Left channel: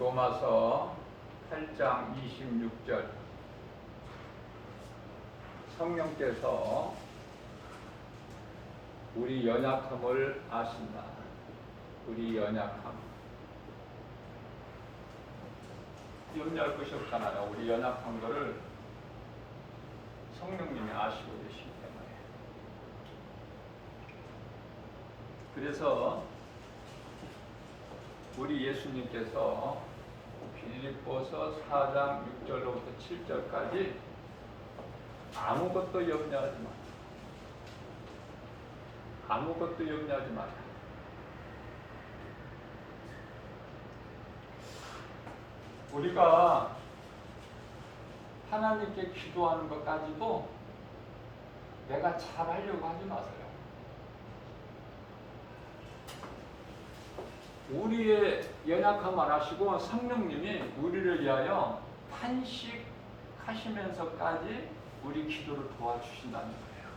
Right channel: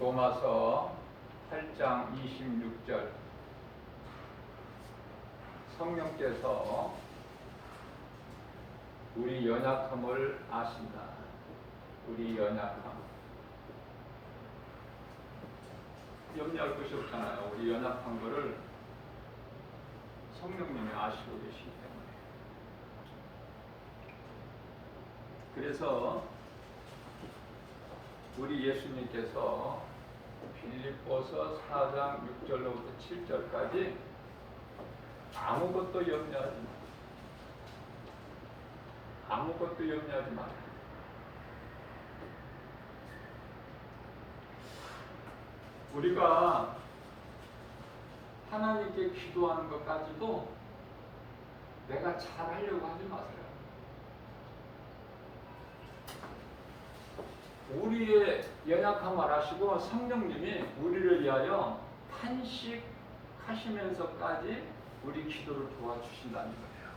로마서 8장 26절 성령께서 우리 연약함을 아신다. 우리 연약함. 염려할 것이 없잖아요. 우리 연약한 거를 성령님이 아시고 계시기 때문에. 그래서 우리 예수님께서 빌립보서 4장 6절로부터 7절까지 아무것도 염려하지 마. 아무것도 염려하지 마. 우리가 하나님께 기도하는 것까지도 내가 잘하려고 하지 마세요. 우리의 연약함을 아시고 성령님이 우리를 위하여 탄식하시면서까지 우리 기도를 도와주신다는 거예요.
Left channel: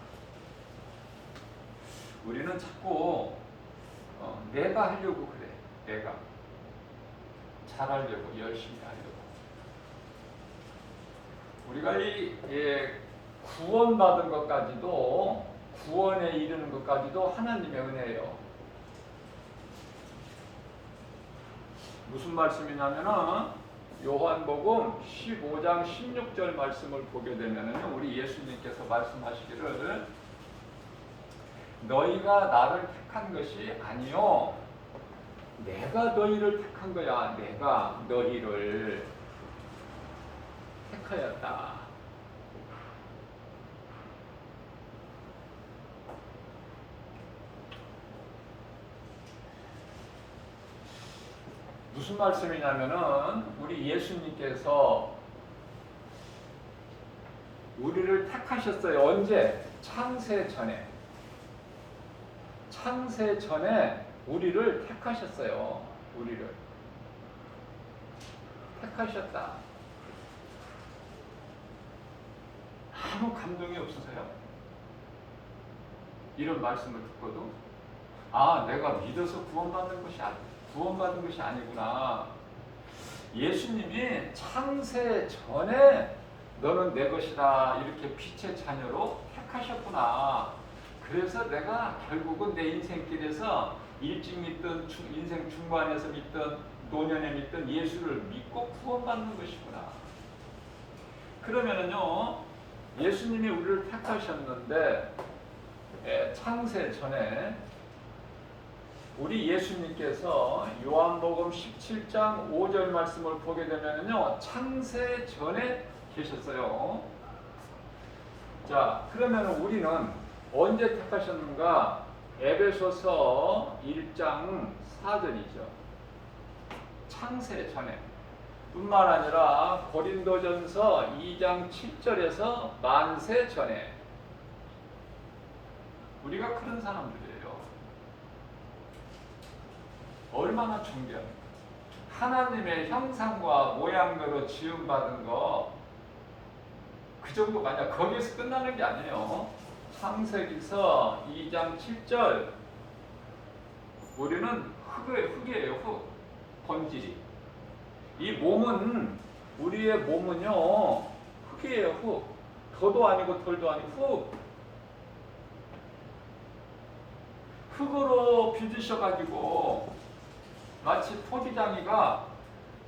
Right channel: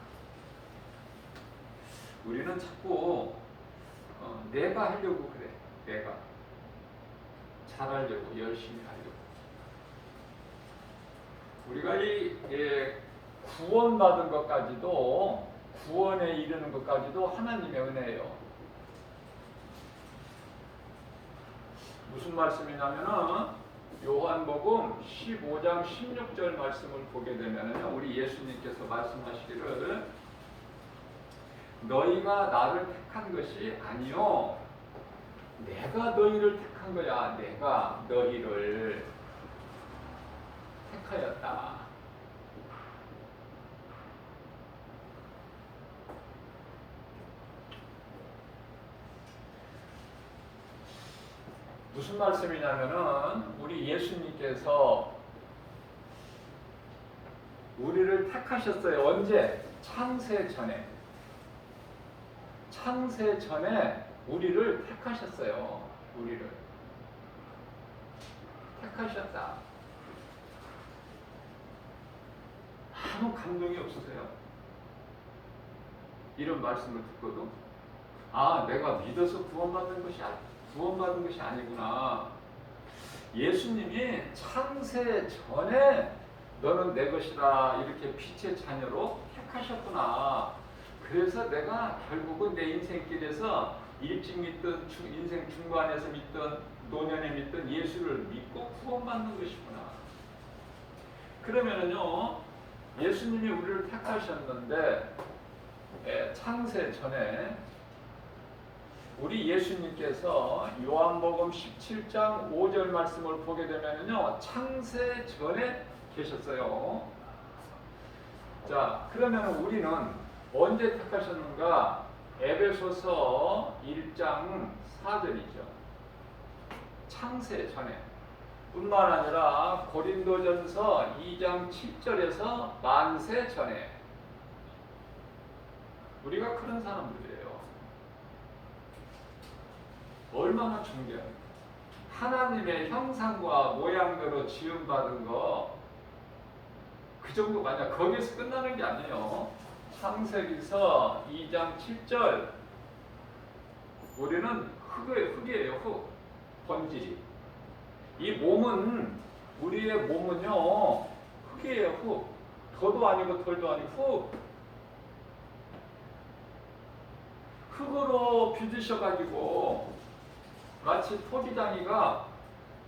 우리는 자꾸 내가 하려고 그래. 내가 잘하려고, 열심히 하려고. 우리가 구원받은 것까지도, 구원에 이르는 것까지도 하나님의 은혜예요. 무슨 말씀이냐면은 요한복음 15장 16절 말씀을 보게 되면은 우리 예수님께서 말씀하시기를 너희가 나를 택한 것이 아니요 내가 너희를 택한 거야. 내가 너희를 택하였다. 무슨 말씀이냐면은 우리 예수님께서 우리를 택하셨어요. 언제? 창세 전에. 창세 전에 우리를 택하셨어요. 우리를 택하셨다. 아무 감동이 없으세요? 이런 말씀을 듣고도 내가 믿어서 구원받은 것이 아니구나. 예수님이 창세 전에 너는 내 것이다 이렇게 빛의 자녀로 택하셨구나. 그래서 내가 결국은 내 인생길에서 일찍 믿든 인생 중반에서 믿든 노년에 믿든 예수를 믿고 구원받는 것이구나. 그러면은요 예수님이 우리를 택하셨는데 창세 전에 우리 예수님께서 요한복음 17장 5절 말씀을 보게 되면은요 창세 전에 계셨어요. 자, 그러면 우리는 언제 택하셨는가? 에베소서 1장 4절이죠. 창세 전에. 뿐만 아니라 고린도전서 2장 7절에서 만세 전에. 우리가 그런 사람들이에요. 얼마나 존귀합니까? 하나님의 형상과 모양대로 지음받은 거 그 정도가 아니야. 거기서 끝나는 게 아니에요. 창세기서 2장 7절 우리는 흙이에요. 흙. 번지. 이 몸은 우리의 몸은요 흙이에요. 흙. 더도 아니고 덜도 아니고 흙으로 빚으셔가지고 마치 토기장이가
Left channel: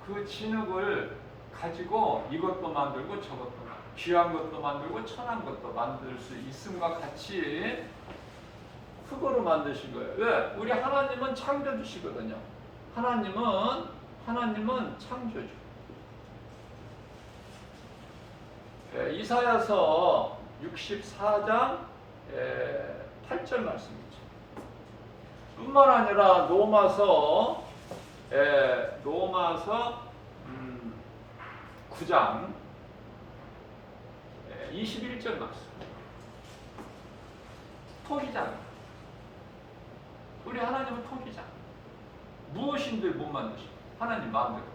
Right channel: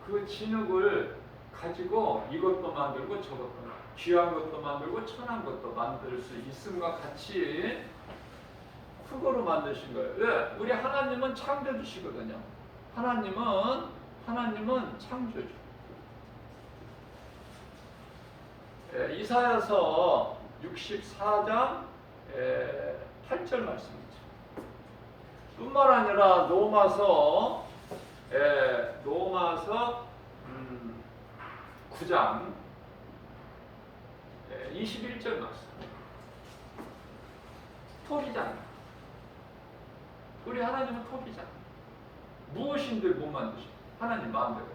그 진흙을 가지고 이것도 만들고 저것도 만들고 귀한 것도 만들고 천한 것도 만들 수 있음과 같이 흙으로 만드신 거예요. 왜? 우리 하나님은 창조주시거든요. 하나님은 창조주. 이사야서 64장 8절 말씀이죠. 뿐만 아니라 로마서 9장 21절 말씀. 토기장. 우리 하나님은 토기장. 무엇인들 못 만드시고 하나님 마음대로.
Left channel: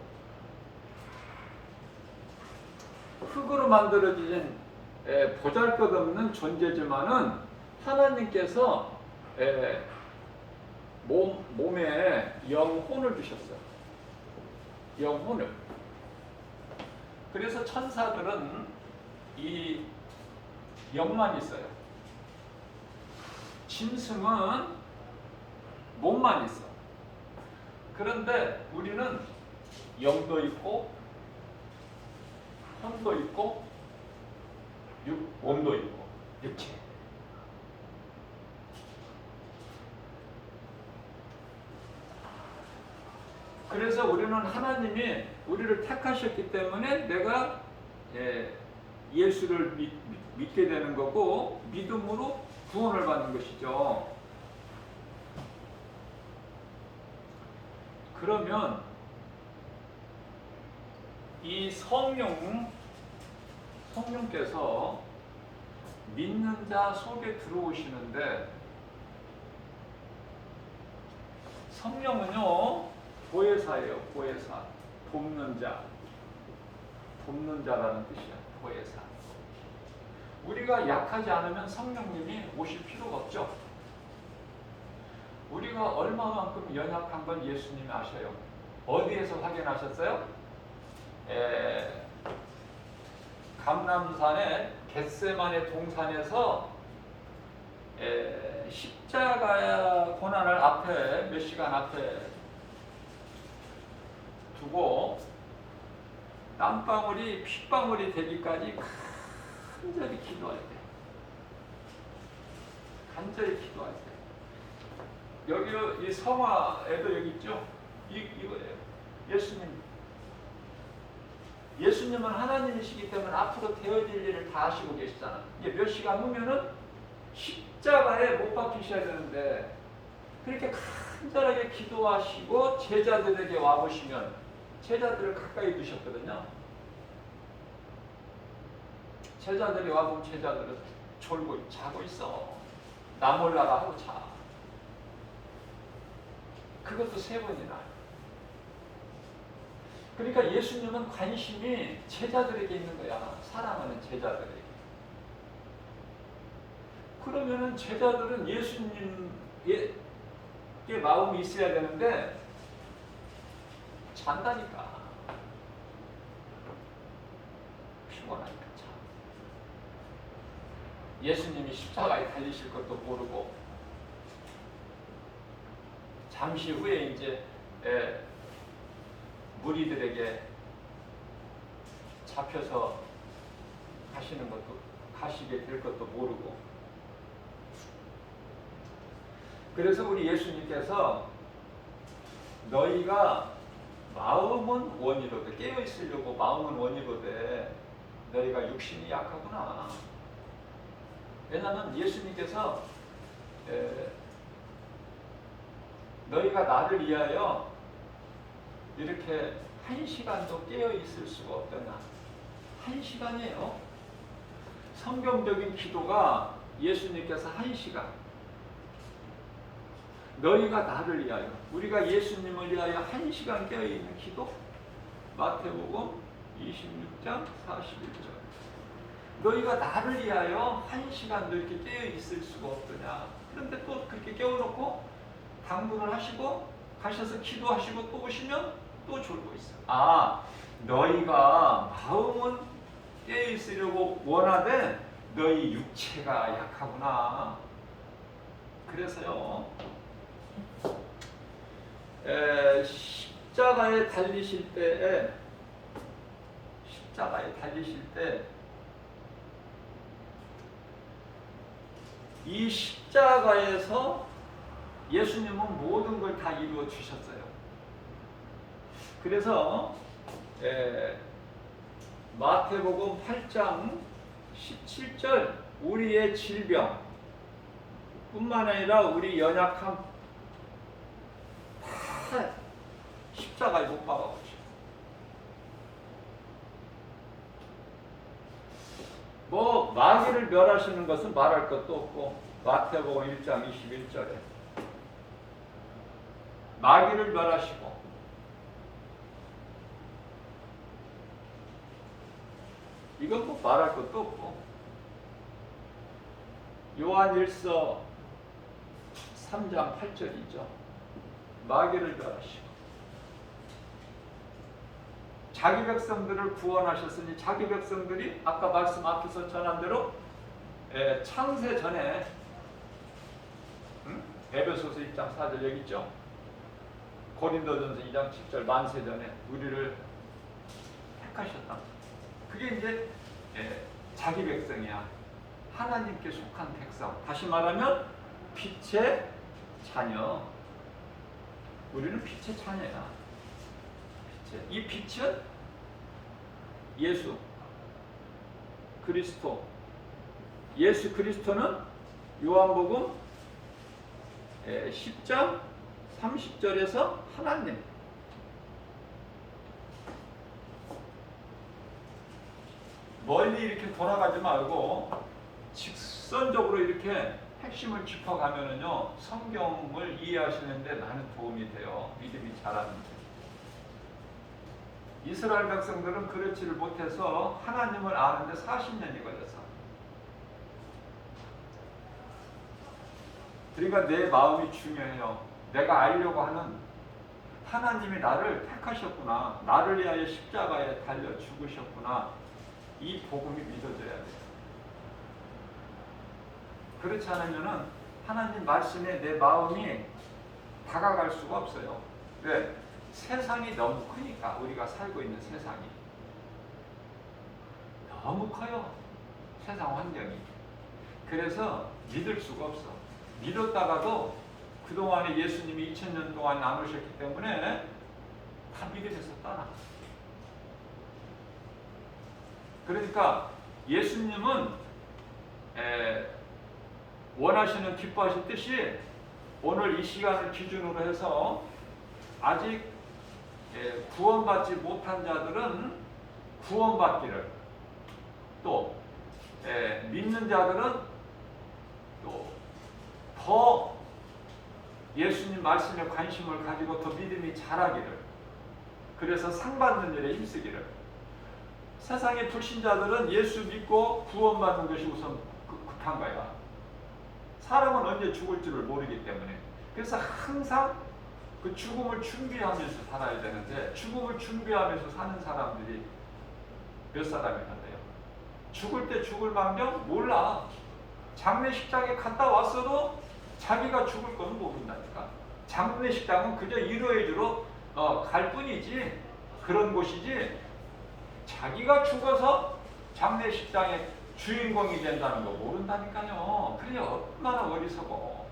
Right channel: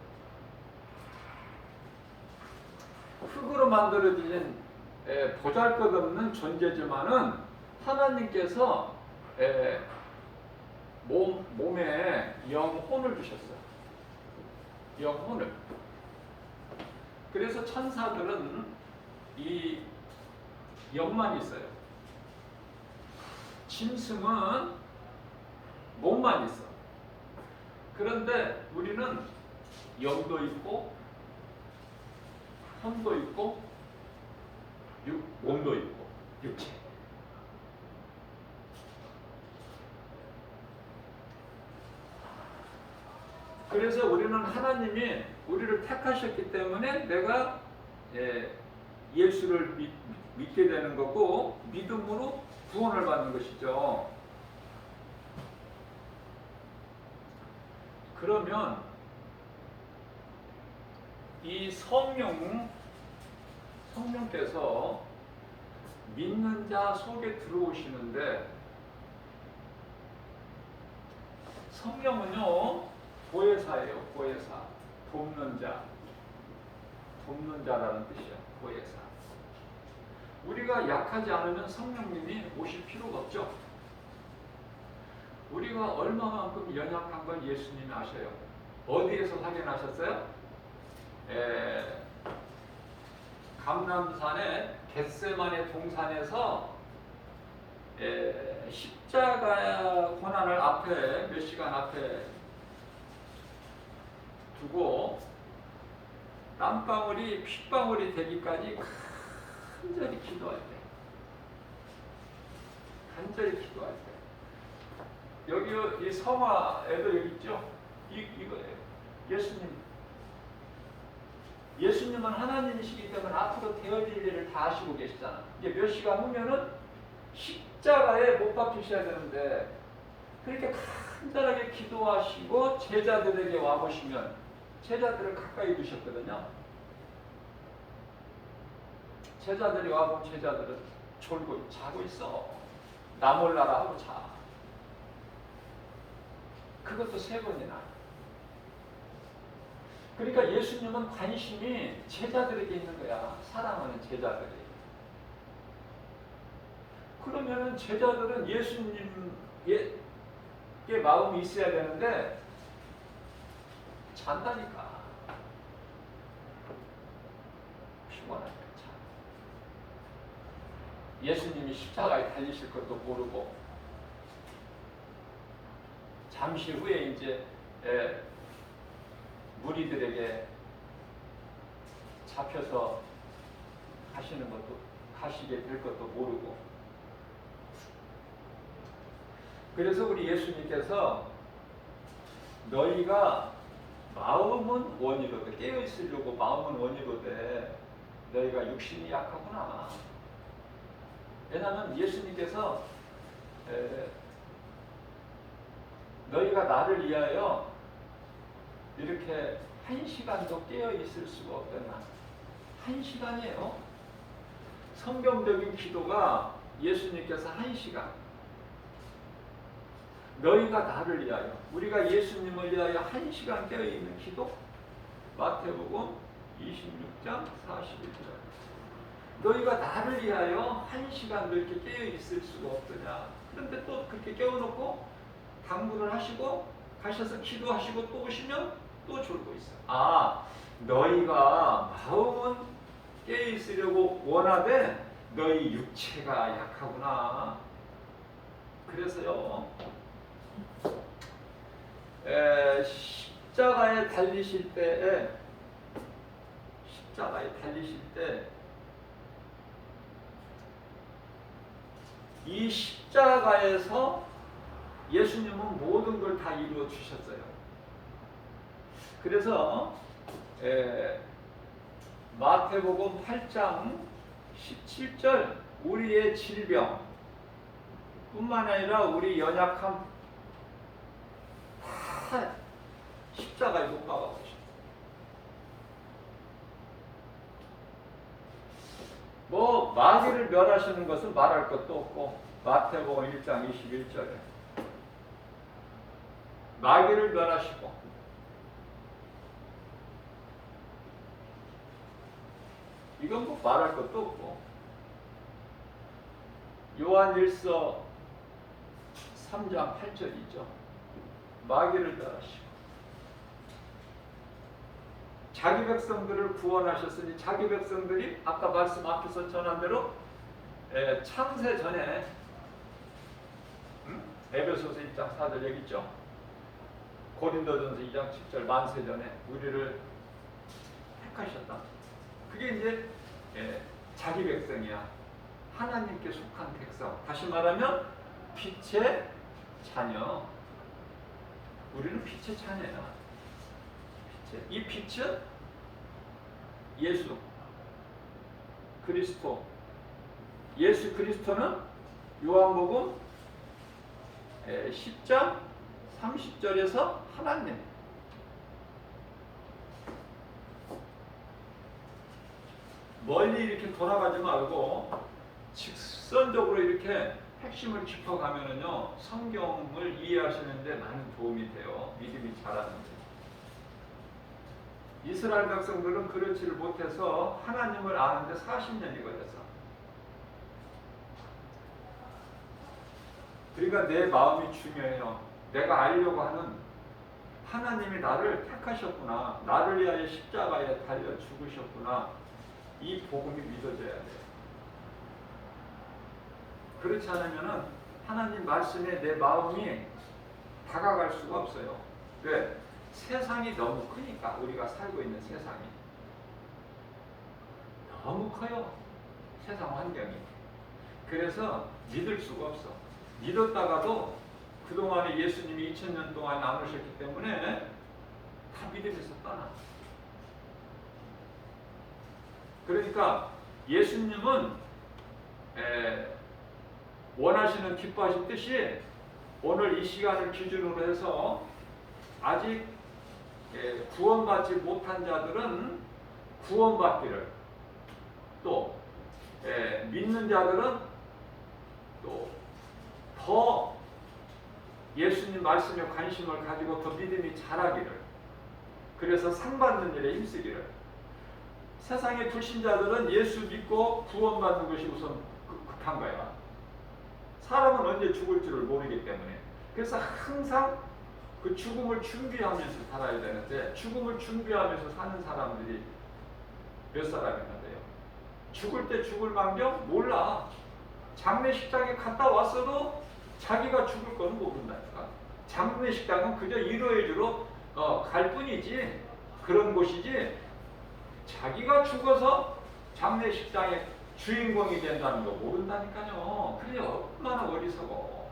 흙으로 만들어진 보잘것없는 존재지만은 하나님께서 몸에 영혼을 주셨어요. 영혼을. 그래서 천사들은 이 영만 있어요. 짐승은 몸만 있어. 그런데 우리는 영도 있고 혼도 있고 몸도 있고 육체. 그래서 우리는 하나님이 우리를 택하셨기 때문에 내가 예수를 믿게 되는 거고 믿음으로 구원을 받는 것이죠. 그러면 이 성령께서 믿는 자 속에 들어오시는데, 성령은요 보혜사예요. 보혜사, 돕는 자라는 뜻이요. 보혜사. 우리가 약하지 않으면 성령님이 오실 필요가 없죠. 우리가 얼마만큼 연약한 걸 예수님이 아셔요. 어디에서 확인하셨어요? 감람산의 겟세마네 동산에서 십자가 고난을 앞에 몇 시간 앞에 두고 땀방울이 핏방울이 되기까지 간절히 기도할 때, 여기 이 성화에도 여기 있죠. 이거예요. 예수님은 하나님이시기 때문에 앞으로 되어질 일을 다 하시고 계시잖아. 이제 몇 시간 후면은 십자가에 못 박히셔야 되는데, 그렇게 간절하게 기도하시고 제자들에게 와보시면 제자들을 가까이 두셨거든요. 제자들이 와보면 제자들은 졸고 자고 있어. 나 몰라라 하고 자. 그것도 3번이나. 그러니까 예수님은 관심이 제자들에게 있는 거야. 사랑하는 제자들에게. 그러면은 제자들은 예수님의 마음이 있어야 되는데 잔다니까. 피곤하니까 자. 예수님이 십자가에 달리실 것도 모르고 잠시 후에 이제 무리들에게 잡혀서 가시게 될 것도 모르고. 그래서 우리 예수님께서 너희가 마음은 원이로되, 깨어 있으려고 마음은 원이로되 너희가 육신이 약하구나. 왜냐하면 예수님께서 너희가 나를 위하여 이렇게 1시간도 깨어 있을 수가 없더냐. 1시간이에요. 성경적인 기도가 예수님께서 1시간. 너희가 나를 위하여, 우리가 예수님을 위하여 1시간 깨어 있는 기도. 마태복음 26장 41절. 너희가 나를 위하여 1시간도 이렇게 깨어 있을 수가 없더냐. 그런데 또 그렇게 깨워놓고 당분을 하시고 가셔서 기도하시고 또 오시면 또 졸고 있어요. 아, 너희가 마음은 깨어 있으려고 원하되 너희 육체가 약하구나. 그래서요, 십자가에 달리실 때 이 십자가에서 예수님은 모든 걸 다 이루어 주셨어요. 그래서 마태복음 8장 17절, 우리의 질병 뿐만 아니라 우리 연약함 다 십자가에 못 박아버려. 뭐 마귀를 멸하시는 것은 말할 것도 없고, 마태복음 1장 21절에 마귀를 멸하시고, 이건 뭐 말할 것도 없고, 요한일서 3장 8절이죠. 마귀를 멸하시고. 자기 백성들을 구원하셨으니 자기 백성들이 아까 말씀 앞에서 전한 대로 창세 전에 에베소서 1장 4절 여기 있죠. 고린도전서 2장 10절 만세 전에 우리를 택하셨다. 그게 이제 자기 백성이야. 하나님께 속한 백성. 다시 말하면 빛의 자녀. 우리는 빛의 자녀야. 이 빛은 예수 그리스도. 예수 그리스도는 요한복음 10장 30절에서 하나님. 멀리 이렇게 돌아가지 말고 직선적으로 이렇게 핵심을 짚어가면은요, 성경을 이해하시는데 많은 도움이 돼요. 믿음이 자라는 길. 이스라엘 백성들은 그렇지를 못해서 하나님을 아는데 40년이 걸렸어. 그러니까 내 마음이 중요해요. 내가 알려고 하는 하나님이 나를 택하셨구나. 나를 위하여 십자가에 달려 죽으셨구나. 이 복음이 믿어져야 돼요. 그렇지 않으면은 하나님 말씀에 내 마음이 다가갈 수가 없어요. 왜? 세상이 너무 크니까. 우리가 살고 있는 세상이 너무 커요. 세상 환경이. 그래서 믿을 수가 없어. 믿었다가도 그동안에 예수님이 2000년 동안 나누셨기 때문에 다 믿음에서 떠나. 그러니까 예수님은 원하시는 기뻐하신 뜻이 오늘 이 시간을 기준으로 해서 아직 구원받지 못한 자들은 구원받기를, 또 믿는 자들은 또 더 예수님 말씀에 관심을 가지고 더 믿음이 자라기를, 그래서 상 받는 일에 힘쓰기를. 세상의 불신자들은 예수 믿고 구원받는 것이 우선 급한 거야. 사람은 언제 죽을 줄을 모르기 때문에. 그래서 항상 그 죽음을 준비하면서 살아야 되는데, 죽음을 준비하면서 사는 사람들이 몇 사람이나 돼요. 죽을 때 죽을 망정 몰라. 장례식장에 갔다 왔어도 자기가 죽을 건 모른다니까. 장례식장은 그저 일요일로 갈 뿐이지, 그런 곳이지, 자기가 죽어서 장례식장의 주인공이 된다는 거 모른다니까요. 그래 얼마나 어리석어.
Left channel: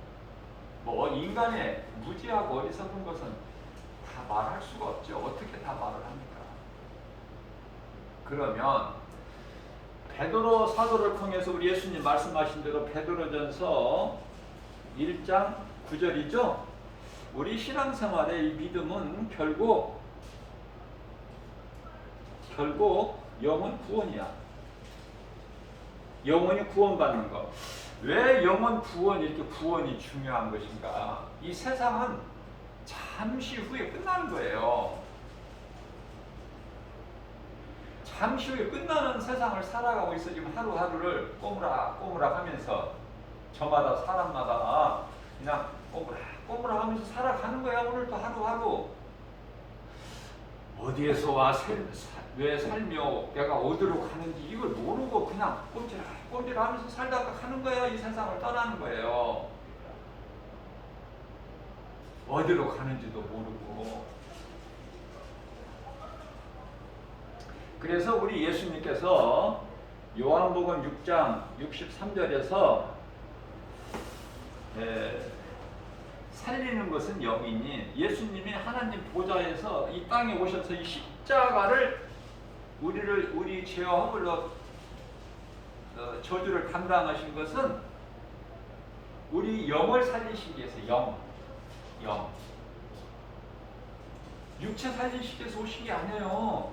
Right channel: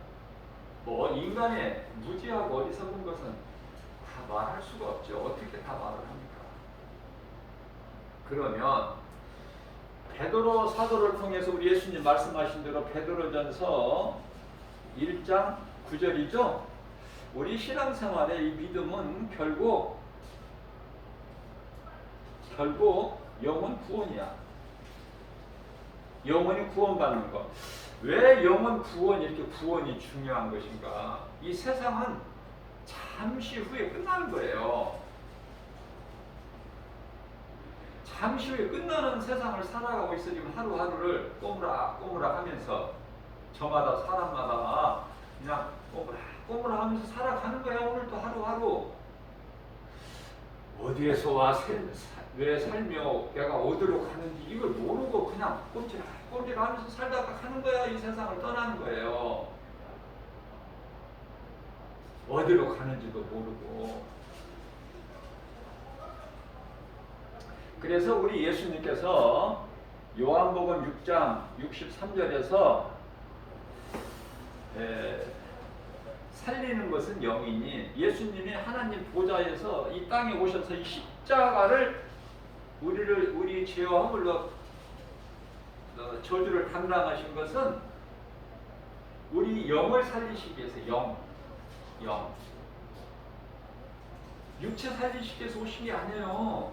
뭐 인간의 무지하고 어리석은 것은 다 말할 수가 없죠. 어떻게 다 말을 합니까? 그러면 베드로 사도를 통해서 우리 예수님 말씀하신 대로 베드로전서 1장 9절이죠. 우리 신앙생활의 이 믿음은 결국 영혼 구원이야. 영혼이 구원받는 것. 왜 영혼 구원, 이렇게 구원이 중요한 것인가? 이 세상은 잠시 후에 끝나는 거예요. 잠시 후에 끝나는 세상을 살아가고 있어. 지금 하루하루를 꼬무락꼬무락 하면서 저마다 사람마다 그냥 꼬무락 하면서 살아가는 거야. 오늘도 하루하루. 어디에서 와, 왜 살며 내가 어디로 가는지 이걸 모르고 그냥 꼼지락 하면서 살다가 가는 거야. 이 세상을 떠나는 거예요. 어디로 가는지도 모르고. 그래서 우리 예수님께서 요한복음 6장 63절에서 살리는 것은 영이니, 예수님이 하나님 보좌에서 이 땅에 오셔서 이 십자가를 우리 죄와 허물로 저주를 감당하신 것은 우리 영을 살리시기 위해서. 영 육체 살리시기 위해서 오신 게 아니에요.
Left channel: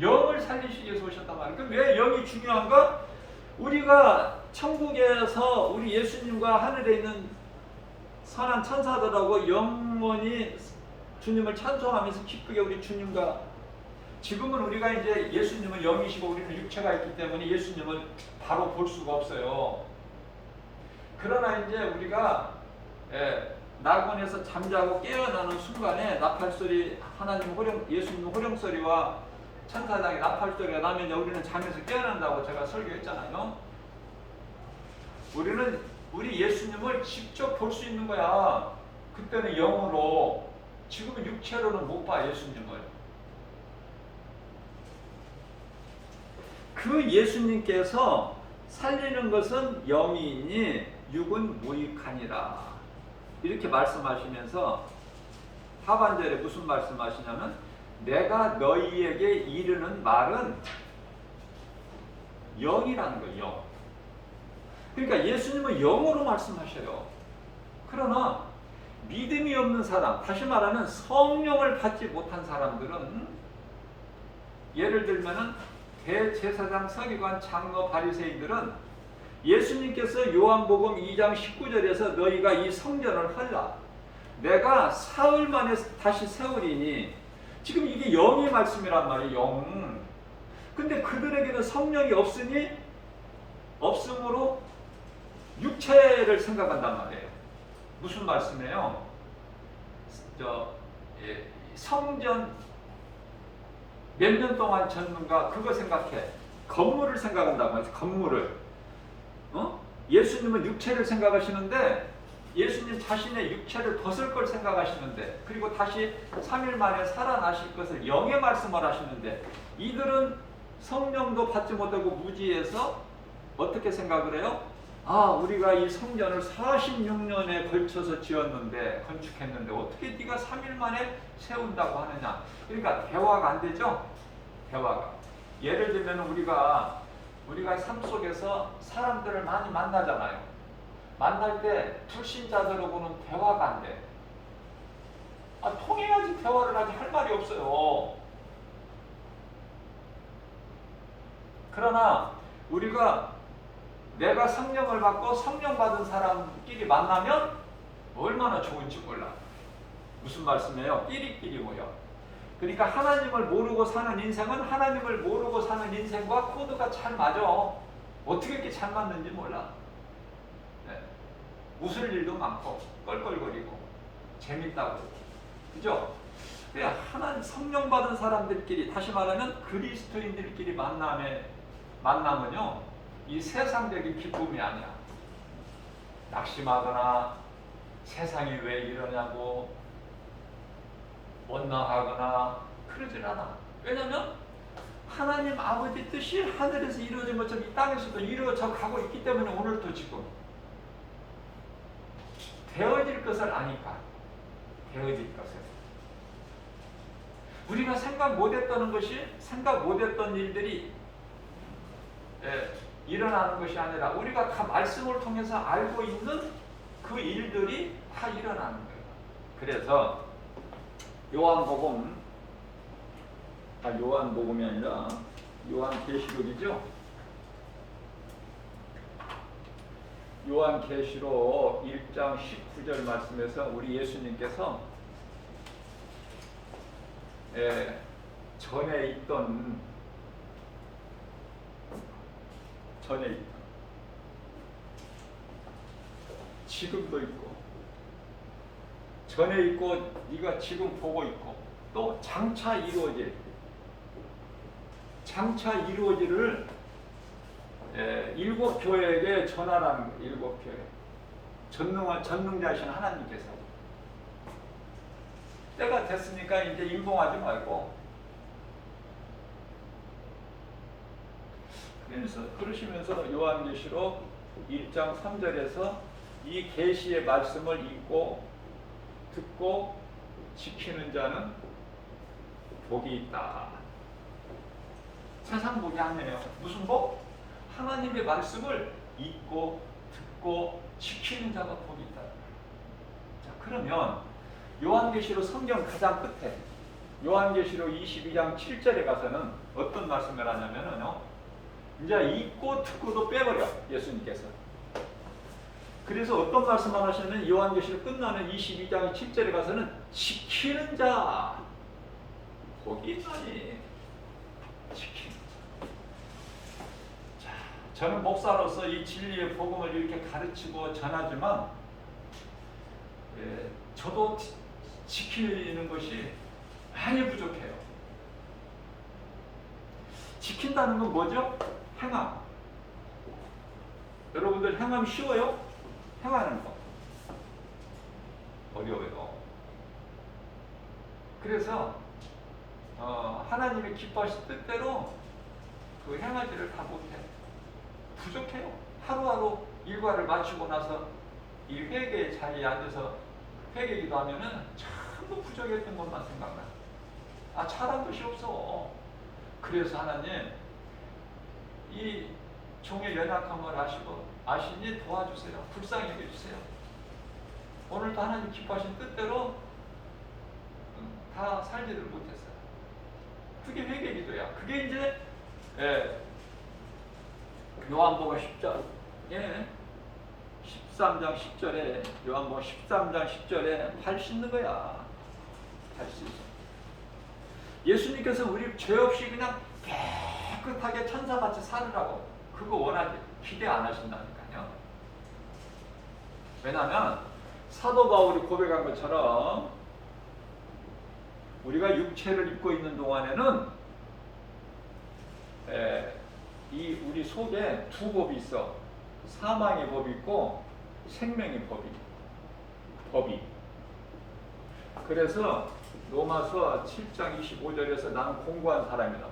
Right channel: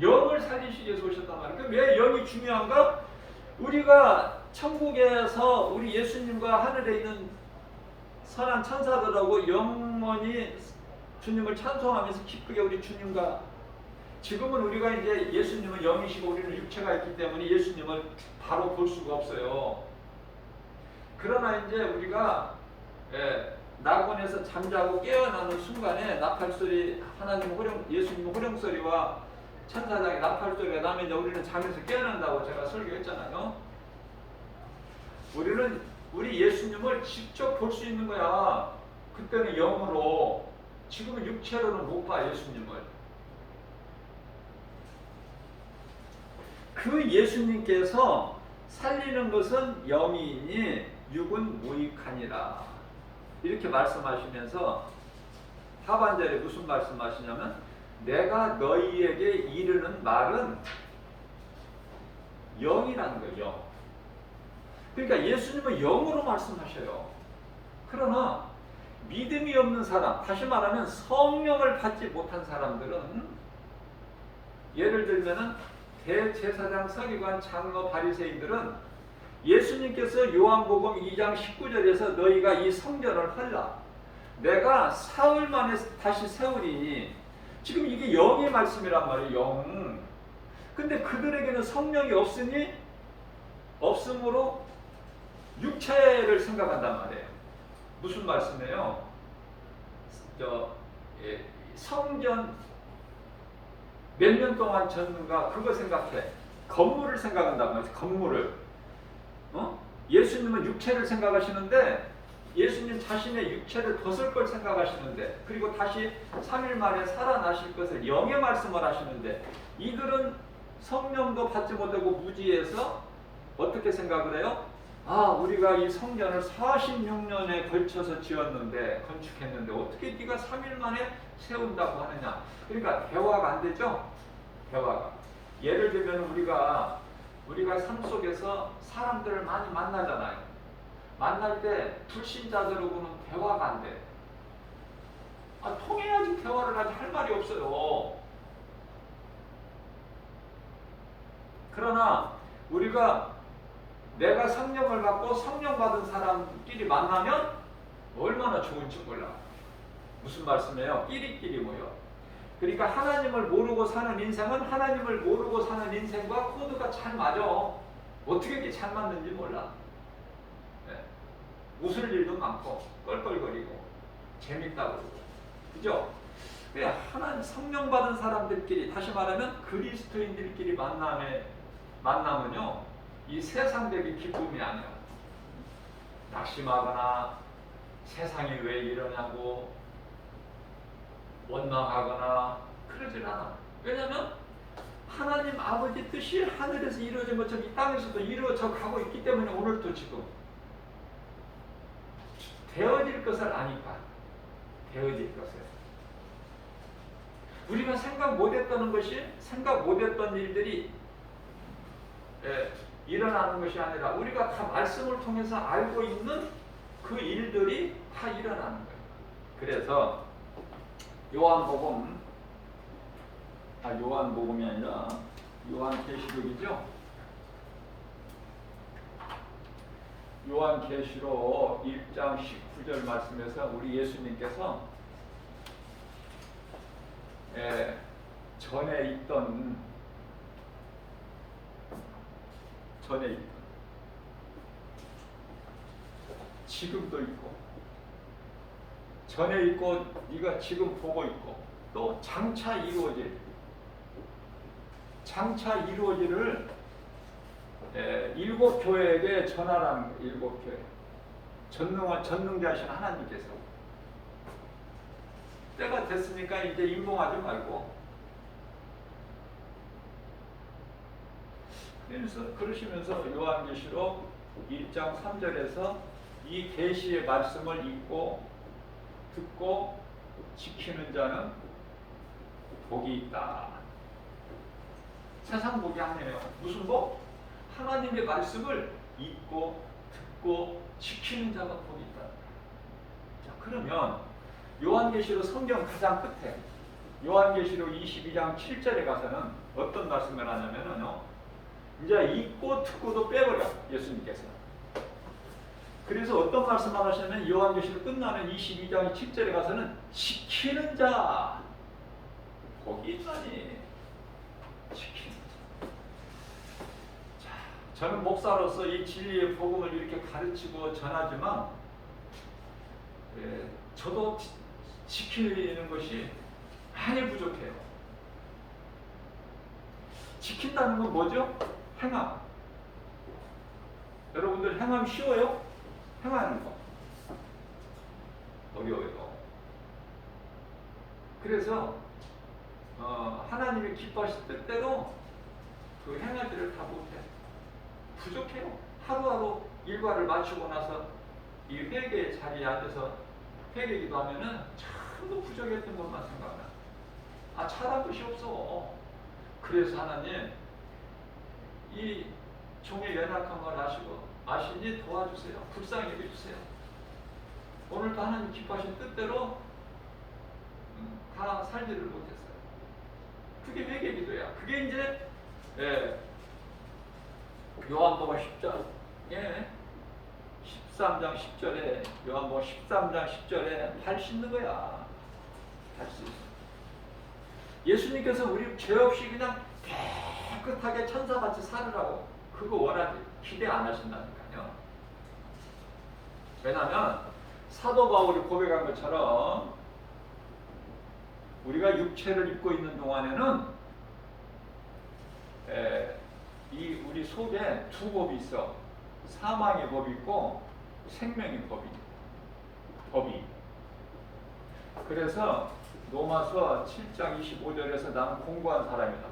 영을 살리시기 위해서 오셨단 말이에요. 그럼 왜 영이 중요한가? 우리가 천국에서 우리 예수님과 하늘에 있는 선한 천사들하고 영원히 주님을 찬송하면서 기쁘게 우리 주님과, 지금은 우리가 이제 예수님은 영이시고 우리는 육체가 있기 때문에 예수님을 바로 볼 수가 없어요. 그러나 이제 우리가 낙원에서 잠자고 깨어나는 순간에 나팔소리, 하나님 호령, 예수님 호령소리와 천사장의 나팔소리가 나면 우리는 잠에서 깨어난다고 제가 설교했잖아요. 우리 예수님을 직접 볼 수 있는 거야. 그때는 영으로, 지금은 육체로는 못 봐, 예수님을. 그 예수님께서 살리는 것은 영이니 육은 무익하니라. 이렇게 말씀하시면서 하반절에 무슨 말씀하시냐면, 내가 너희에게 이르는 말은 영이라는 거예요. 영. 그러니까 예수님은 영으로 말씀하셔요. 그러나 믿음이 없는 사람, 다시 말하면 성령을 받지 못한 사람들은, 예를 들면은 대제사장, 서기관, 장로, 바리새인들은 예수님께서 요한복음 2장 19절에서 너희가 이 성전을 헐라, 내가 사흘 만에 다시 세우리니, 지금 이게 영의 말씀이란 말이에요. 영. 근데 그들에게는 성령이 없으므로 육체를 생각한단 말이에요. 무슨 말씀이에요? 성전 몇 년 동안 졌는가 그거 생각해. 건물을 생각한단 말이에요. 건물을. 예수님은 육체를 생각하시는데, 예수님 자신의 육체를 벗을 걸 생각하시는데, 그리고 다시 3일 만에 살아나실 것을 영의 말씀을 하시는데, 이들은 성령도 받지 못하고 무지해서 어떻게 생각을 해요? 아, 우리가 이 성전을 46년에 걸쳐서 지었는데, 건축했는데 어떻게 네가 3일 만에 세운다고 하느냐. 그러니까 대화가 안 되죠. 대화가. 예를 들면 우리가 삶 속에서 사람들을 많이 만나잖아요. 만날 때 불신자들하고는 대화가 안 돼. 통해야지 대화를 하지, 할 말이 없어요. 그러나 내가 성령을 받고 성령 받은 사람끼리 만나면 얼마나 좋은지 몰라. 무슨 말씀이에요? 끼리끼리 모여. 그러니까 하나님을 모르고 사는 인생은 하나님을 모르고 사는 인생과 코드가 잘 맞아. 어떻게 이렇게 잘 맞는지 몰라. 웃을 일도 많고 껄껄거리고 재밌다고, 그죠? 하나님 성령 받은 사람들끼리, 다시 말하면 그리스도인들끼리 만나면요, 이 세상적인 기쁨이 아니야. 낙심하거나 세상이 왜 이러냐고 원망하거나 그러질 않아. 왜냐하면 하나님 아버지 뜻이 하늘에서 이루어진 것처럼 이 땅에서도 이루어져 가고 있기 때문에 오늘도 지금 되어질 것을 아니까. 되어질 것을. 우리가 생각 못했던 것이, 생각 못했던 일들이 일어나는 것이 아니라, 우리가 다 말씀을 통해서 알고 있는 그 일들이 다 일어나는 거예요. 그래서 요한복음이 아니라 요한계시록이죠. 요한계시록 1장 19절 말씀에서 우리 예수님께서 전에 있던 지금도 있고, 전에 있고 네가 지금 보고 있고, 또 장차 이루어질을 일곱 교회에게 전하라는, 일곱 교회. 전능자신 하나님께서 때가 됐으니까 이제 임봉하지 말고, 그러시면서 요한계시록 1장 3절에서 이 계시의 말씀을 읽고 듣고 지키는 자는 복이 있다. 세상 복이 아니에요. 무슨 복? 하나님의 말씀을 읽고 듣고 지키는 자가 복이 있다. 자, 그러면 요한계시록 성경 가장 끝에 요한계시록 22장 7절에 가서는 어떤 말씀을 하냐면요, 이제 읽고 듣고도 빼버려, 예수님께서. 그래서 어떤 말씀을 하시냐면, 요한계시록 끝나는 22장 7절에 가서는 지키는 자 복이 있나니. 지키는 자. 저는 목사로서 이 진리의 복음을 이렇게 가르치고 전하지만, 저도 지키는 것이 많이 부족해요. 지킨다는 건 뭐죠? 행함. 여러분들 행함 쉬워요? 행하는 거 어려워요. 그래서 하나님이 기뻐하실 뜻대로 그 행하지를 다 못해요. 부족해요. 하루하루 일과를 마치고 나서 이 회개의 자리에 앉아서 회개 기도하면은 전부 부족했던 것만 생각나. 잘한 것이 없어. 그래서 하나님 이 종의 연약함을 아시니 도와주세요. 불쌍히 여겨주세요. 오늘도 하나님 기뻐하신 뜻대로 다 살지를 못했어요. 그게 회개 기도야. 그게 이제 요한복음 10장 13장 10절에 요한복음 13장 10절에 할 수 있는 거야. 할 수 있어. 예수님께서 우리 죄 없이 그냥 깨끗하게 천사같이 살으라고 그거 원하지 기대 안 하신다니까요. 왜냐하면 사도 바울이 고백한 것처럼 우리가 육체를 입고 있는 동안에는 이 우리 속에 두 법이 있어. 사망의 법이 있고 생명의 법이. 그래서 로마서 7장 25절에서 나는 공고한 사람이다.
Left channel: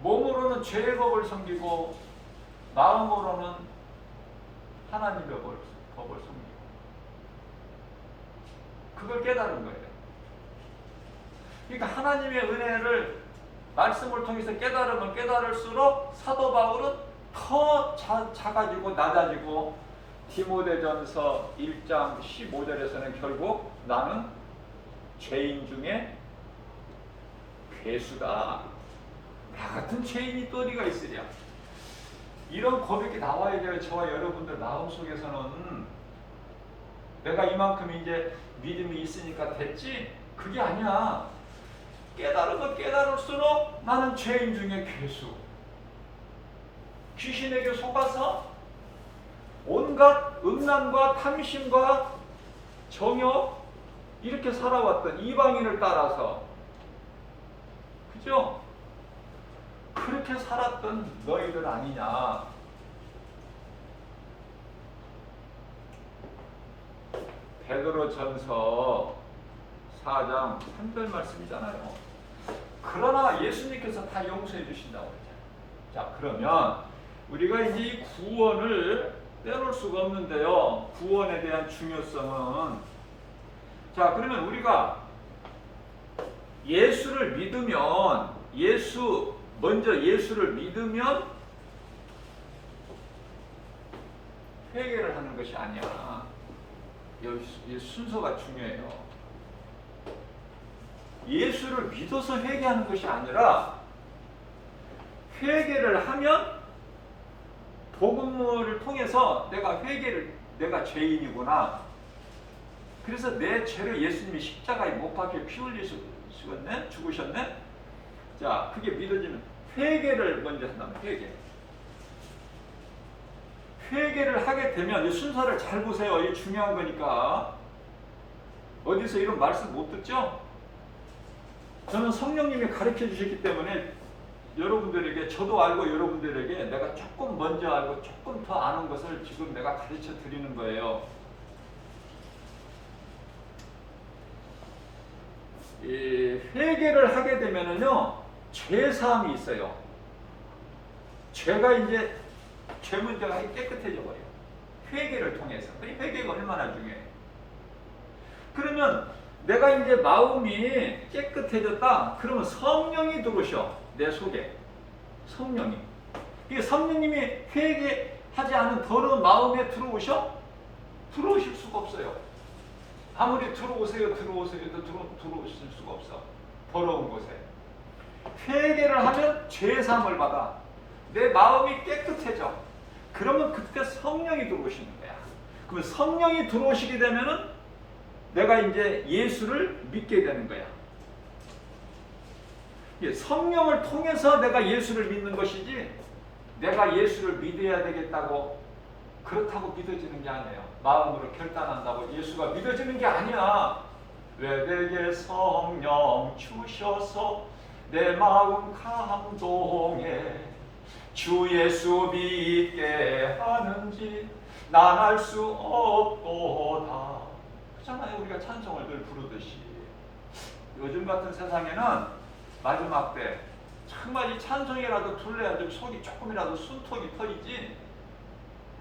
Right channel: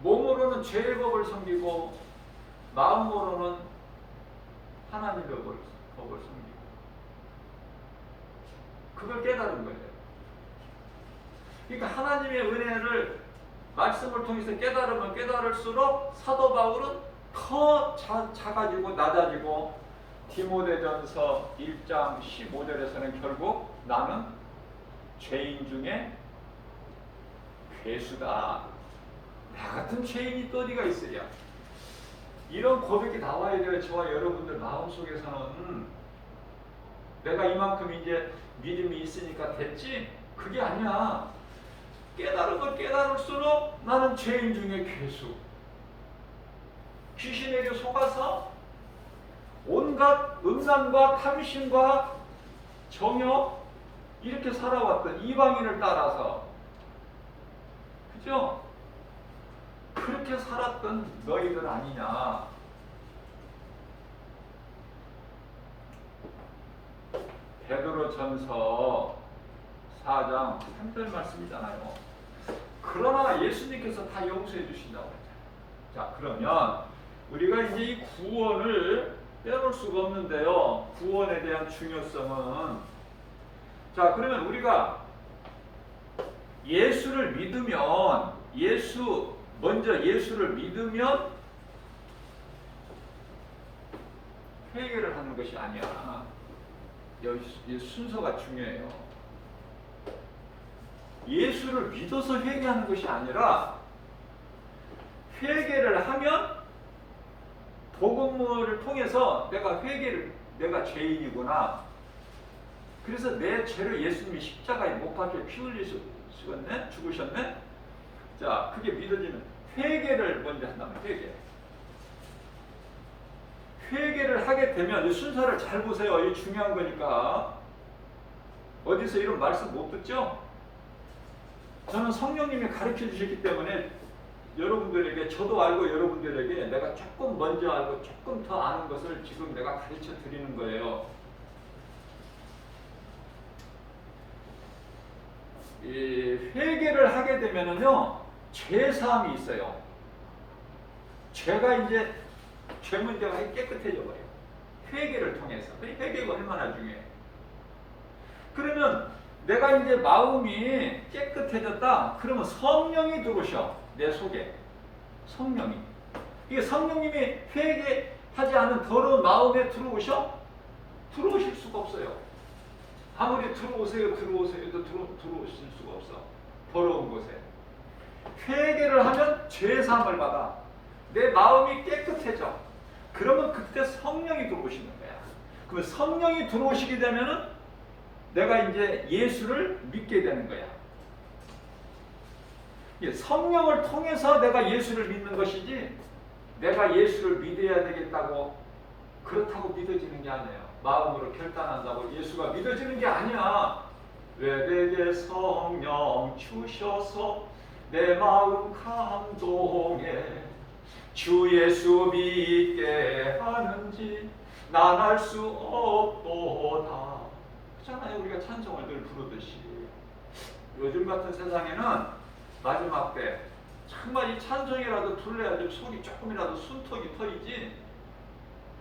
몸으로는 죄의 법을 섬기고 마음으로는 하나님의 법을 섬기고 그걸 깨달은 거예요. 그러니까 하나님의 은혜를 말씀을 통해서 깨달으면 깨달을수록 사도 바울은 더 작아지고 낮아지고 디모데전서 1장 15절에서는 결국 나는 죄인 중에 괴수다. 나 같은 죄인이 또 어디가 있으랴. 이런 고백이 나와야 돼요. 저와 여러분들 마음속에서는 내가 이만큼 이제 믿음이 있으니까 됐지? 그게 아니야. 깨달으면 깨달을수록 나는 죄인 중에 괴수. 귀신에게 속아서 온갖 음란과 탐심과 정욕 이렇게 살아왔던 이방인을 따라서 그죠? 그렇게 살았던 너희들 아니냐. 베드로전서 4장 3절 말씀이잖아요. 그러나 예수님께서 다 용서해 주신다고 했잖아요. 자, 그러면 우리가 이제 이 구원을 빼놓을 수가 없는데요. 구원에 대한 중요성은 그러면 우리가 예수를 믿으면 먼저 예수를 믿으면 회개를 하는 것이 아니야. 이 순서가 중요해요. 예수를 믿어서 회개하는 것이 아니라 회개를 하면 복음을 통해서 내가 죄인이구나. 그래서 내 죄를 예수님이 십자가에 못 박혀 피 흘리셨네, 죽으셨네. 자, 그게 믿어지는 회개를 먼저 한다면 회개를 하게 되면 이 순서를 잘 보세요. 이게 중요한 거니까. 어디서 이런 말씀 못 듣죠? 저는 성령님이 가르쳐 주셨기 때문에 여러분들에게 저도 알고 여러분들에게 내가 조금 먼저 알고 조금 더 아는 것을 지금 내가 가르쳐 드리는 거예요. 이 회개를 하게 되면은요 죄 사함이 있어요. 죄가 이제 죄 문제가 깨끗해져 버려. 회개를 통해서. 회개가 얼마나 중요해. 그러면 내가 이제 마음이 깨끗해졌다. 그러면 성령이 들어오셔. 내 속에. 성령이. 이 성령님이 회개하지 않은 더러운 마음에 들어오셔? 들어오실 수가 없어요. 아무리 들어오세요 해도 들어오실 수가 없어. 더러운 곳에. 회개를 하면 죄사함을 받아. 내 마음이 깨끗해져. 그러면 그때 성령이 들어오시는 거야. 그러면 성령이 들어오시게 되면은 내가 이제 예수를 믿게 되는 거야. 성령을 통해서 내가 예수를 믿는 것이지 내가 예수를 믿어야 되겠다고 그렇다고 믿어지는 게 아니에요. 마음으로 결단한다고 예수가 믿어지는 게 아니야. 외백의 성령 주셔서 내 마음 감동해 주 예수 믿게 하는지 난 알 수 없도다. 그렇잖아요. 우리가 찬송을 늘 부르듯이. 요즘 같은 세상에는 마지막 때 정말 이 찬송이라도 불러야 좀 속이 조금이라도 숨통이 터이지.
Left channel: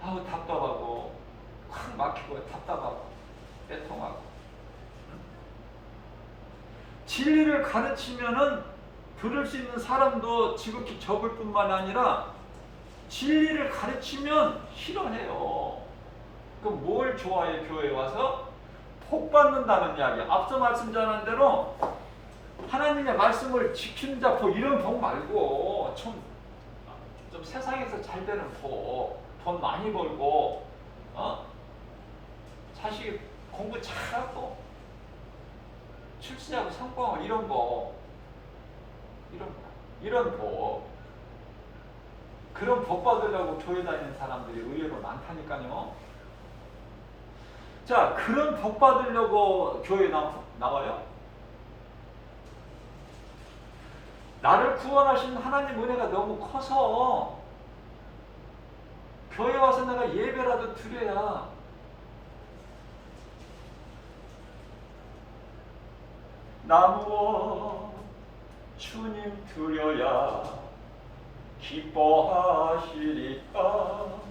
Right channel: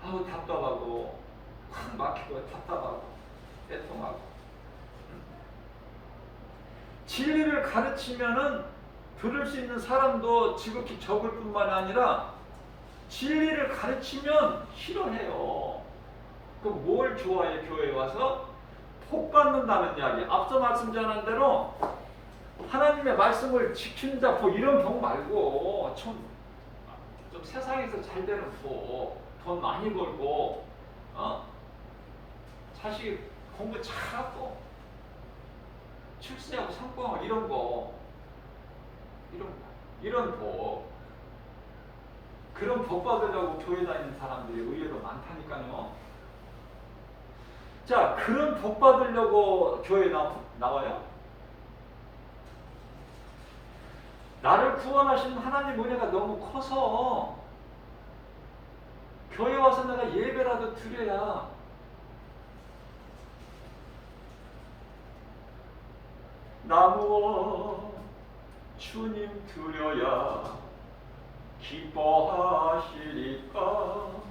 아우 답답하고 확 막히고 답답하고 애통하고. 진리를 가르치면은 들을 수 있는 사람도 지극히 적을 뿐만 아니라 진리를 가르치면 싫어해요. 그럼 뭘 좋아해? 교회에 와서 복 받는다는 이야기. 앞서 말씀 전한 대로 하나님의 말씀을 지키는 자 복, 이런 복 말고 좀 세상에서 잘 되는 복, 돈 많이 벌고 자식 공부 잘하고 출세하고 성공하고 이런 복, 이런 복, 그런 복 받으려고 교회 다니는 사람들이 의외로 많다니까요. 자, 그런 복 받으려고 교회에 나와요? 나를 구원하신 하나님 은혜가 너무 커서 교회 와서 내가 예배라도 드려야 나무와 주님 드려야 기뻐하시리까.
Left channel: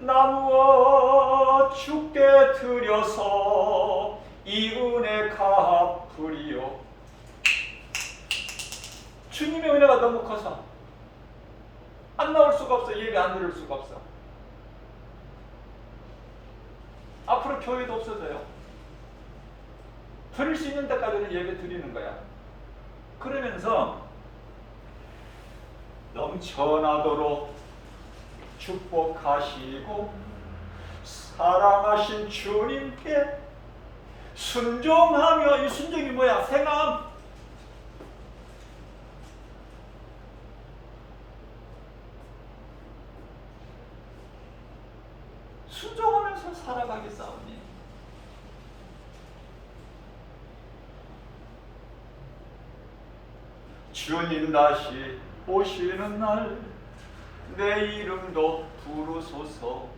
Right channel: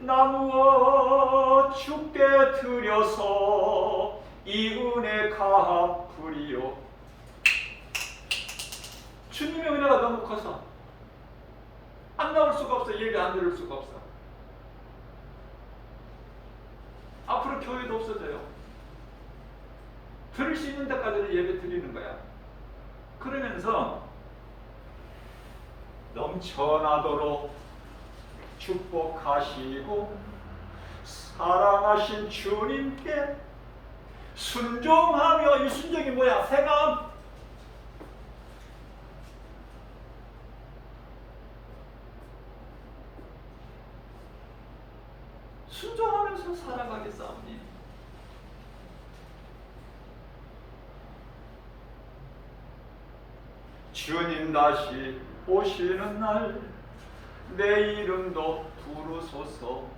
나무와 주께 드려서 이 은혜 갚으리요. 주님의 은혜가 너무 커서 안 나올 수가 없어. 예배 안 들을 수가 없어. 앞으로 교회도 없어져요. 드릴 수 있는 데까지는 예배 드리는 거야. 그러면서 넘쳐나도록 축복하시고 사랑하신 주님께 순종하며, 이 순종이 뭐야? 행함. 순종하면서 살아가겠사오니. 주님 다시 오시는 날 내 이름도 부르소서.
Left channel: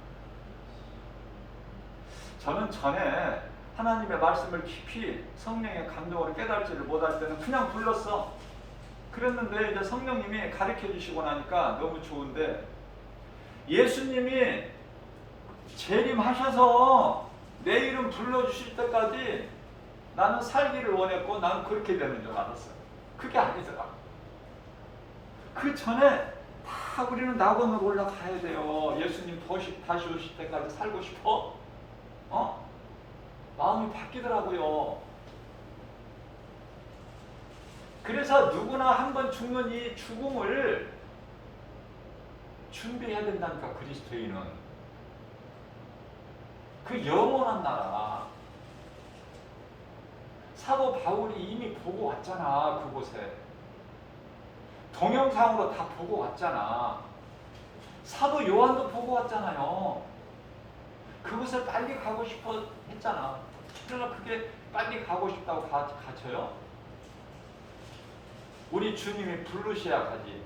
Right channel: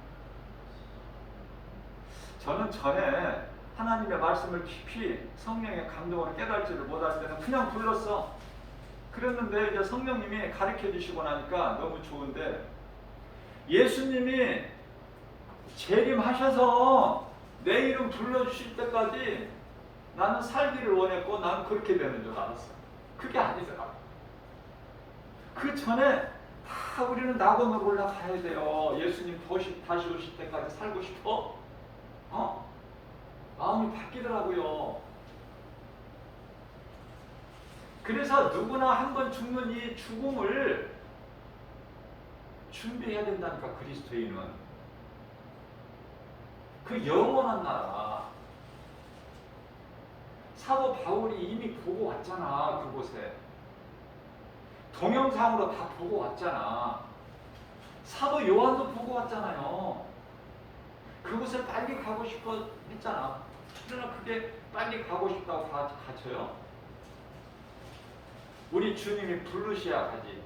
저는 전에 하나님의 말씀을 깊이 성령의 감동으로 깨달지를 못할 때는 그냥 불렀어. 그랬는데 이제 성령님이 가르쳐 주시고 나니까 너무 좋은데, 예수님이 재림하셔서 내 이름 불러주실 때까지 나는 살기를 원했고 나는 그렇게 되는 줄 알았어. 그게 아니더라고. 그 전에 다 우리는 낙원으로 올라가야 돼요. 예수님 다시 오실 때까지 살고 싶어? 마음이 바뀌더라고요. 그래서 누구나 한 번 죽는 이 죽음을 준비해야 된다니까, 그리스도인은. 그 영원한 나라. 사도 바울이 이미 보고 왔잖아. 그곳에 동영상으로 다 보고 왔잖아. 사도 요한도 보고 왔잖아요. 그곳에 빨리 가고 싶어 했잖아. 그러나 그게 빨리 가고 싶다고 가져요? 우리 주님이 부르셔야 가지.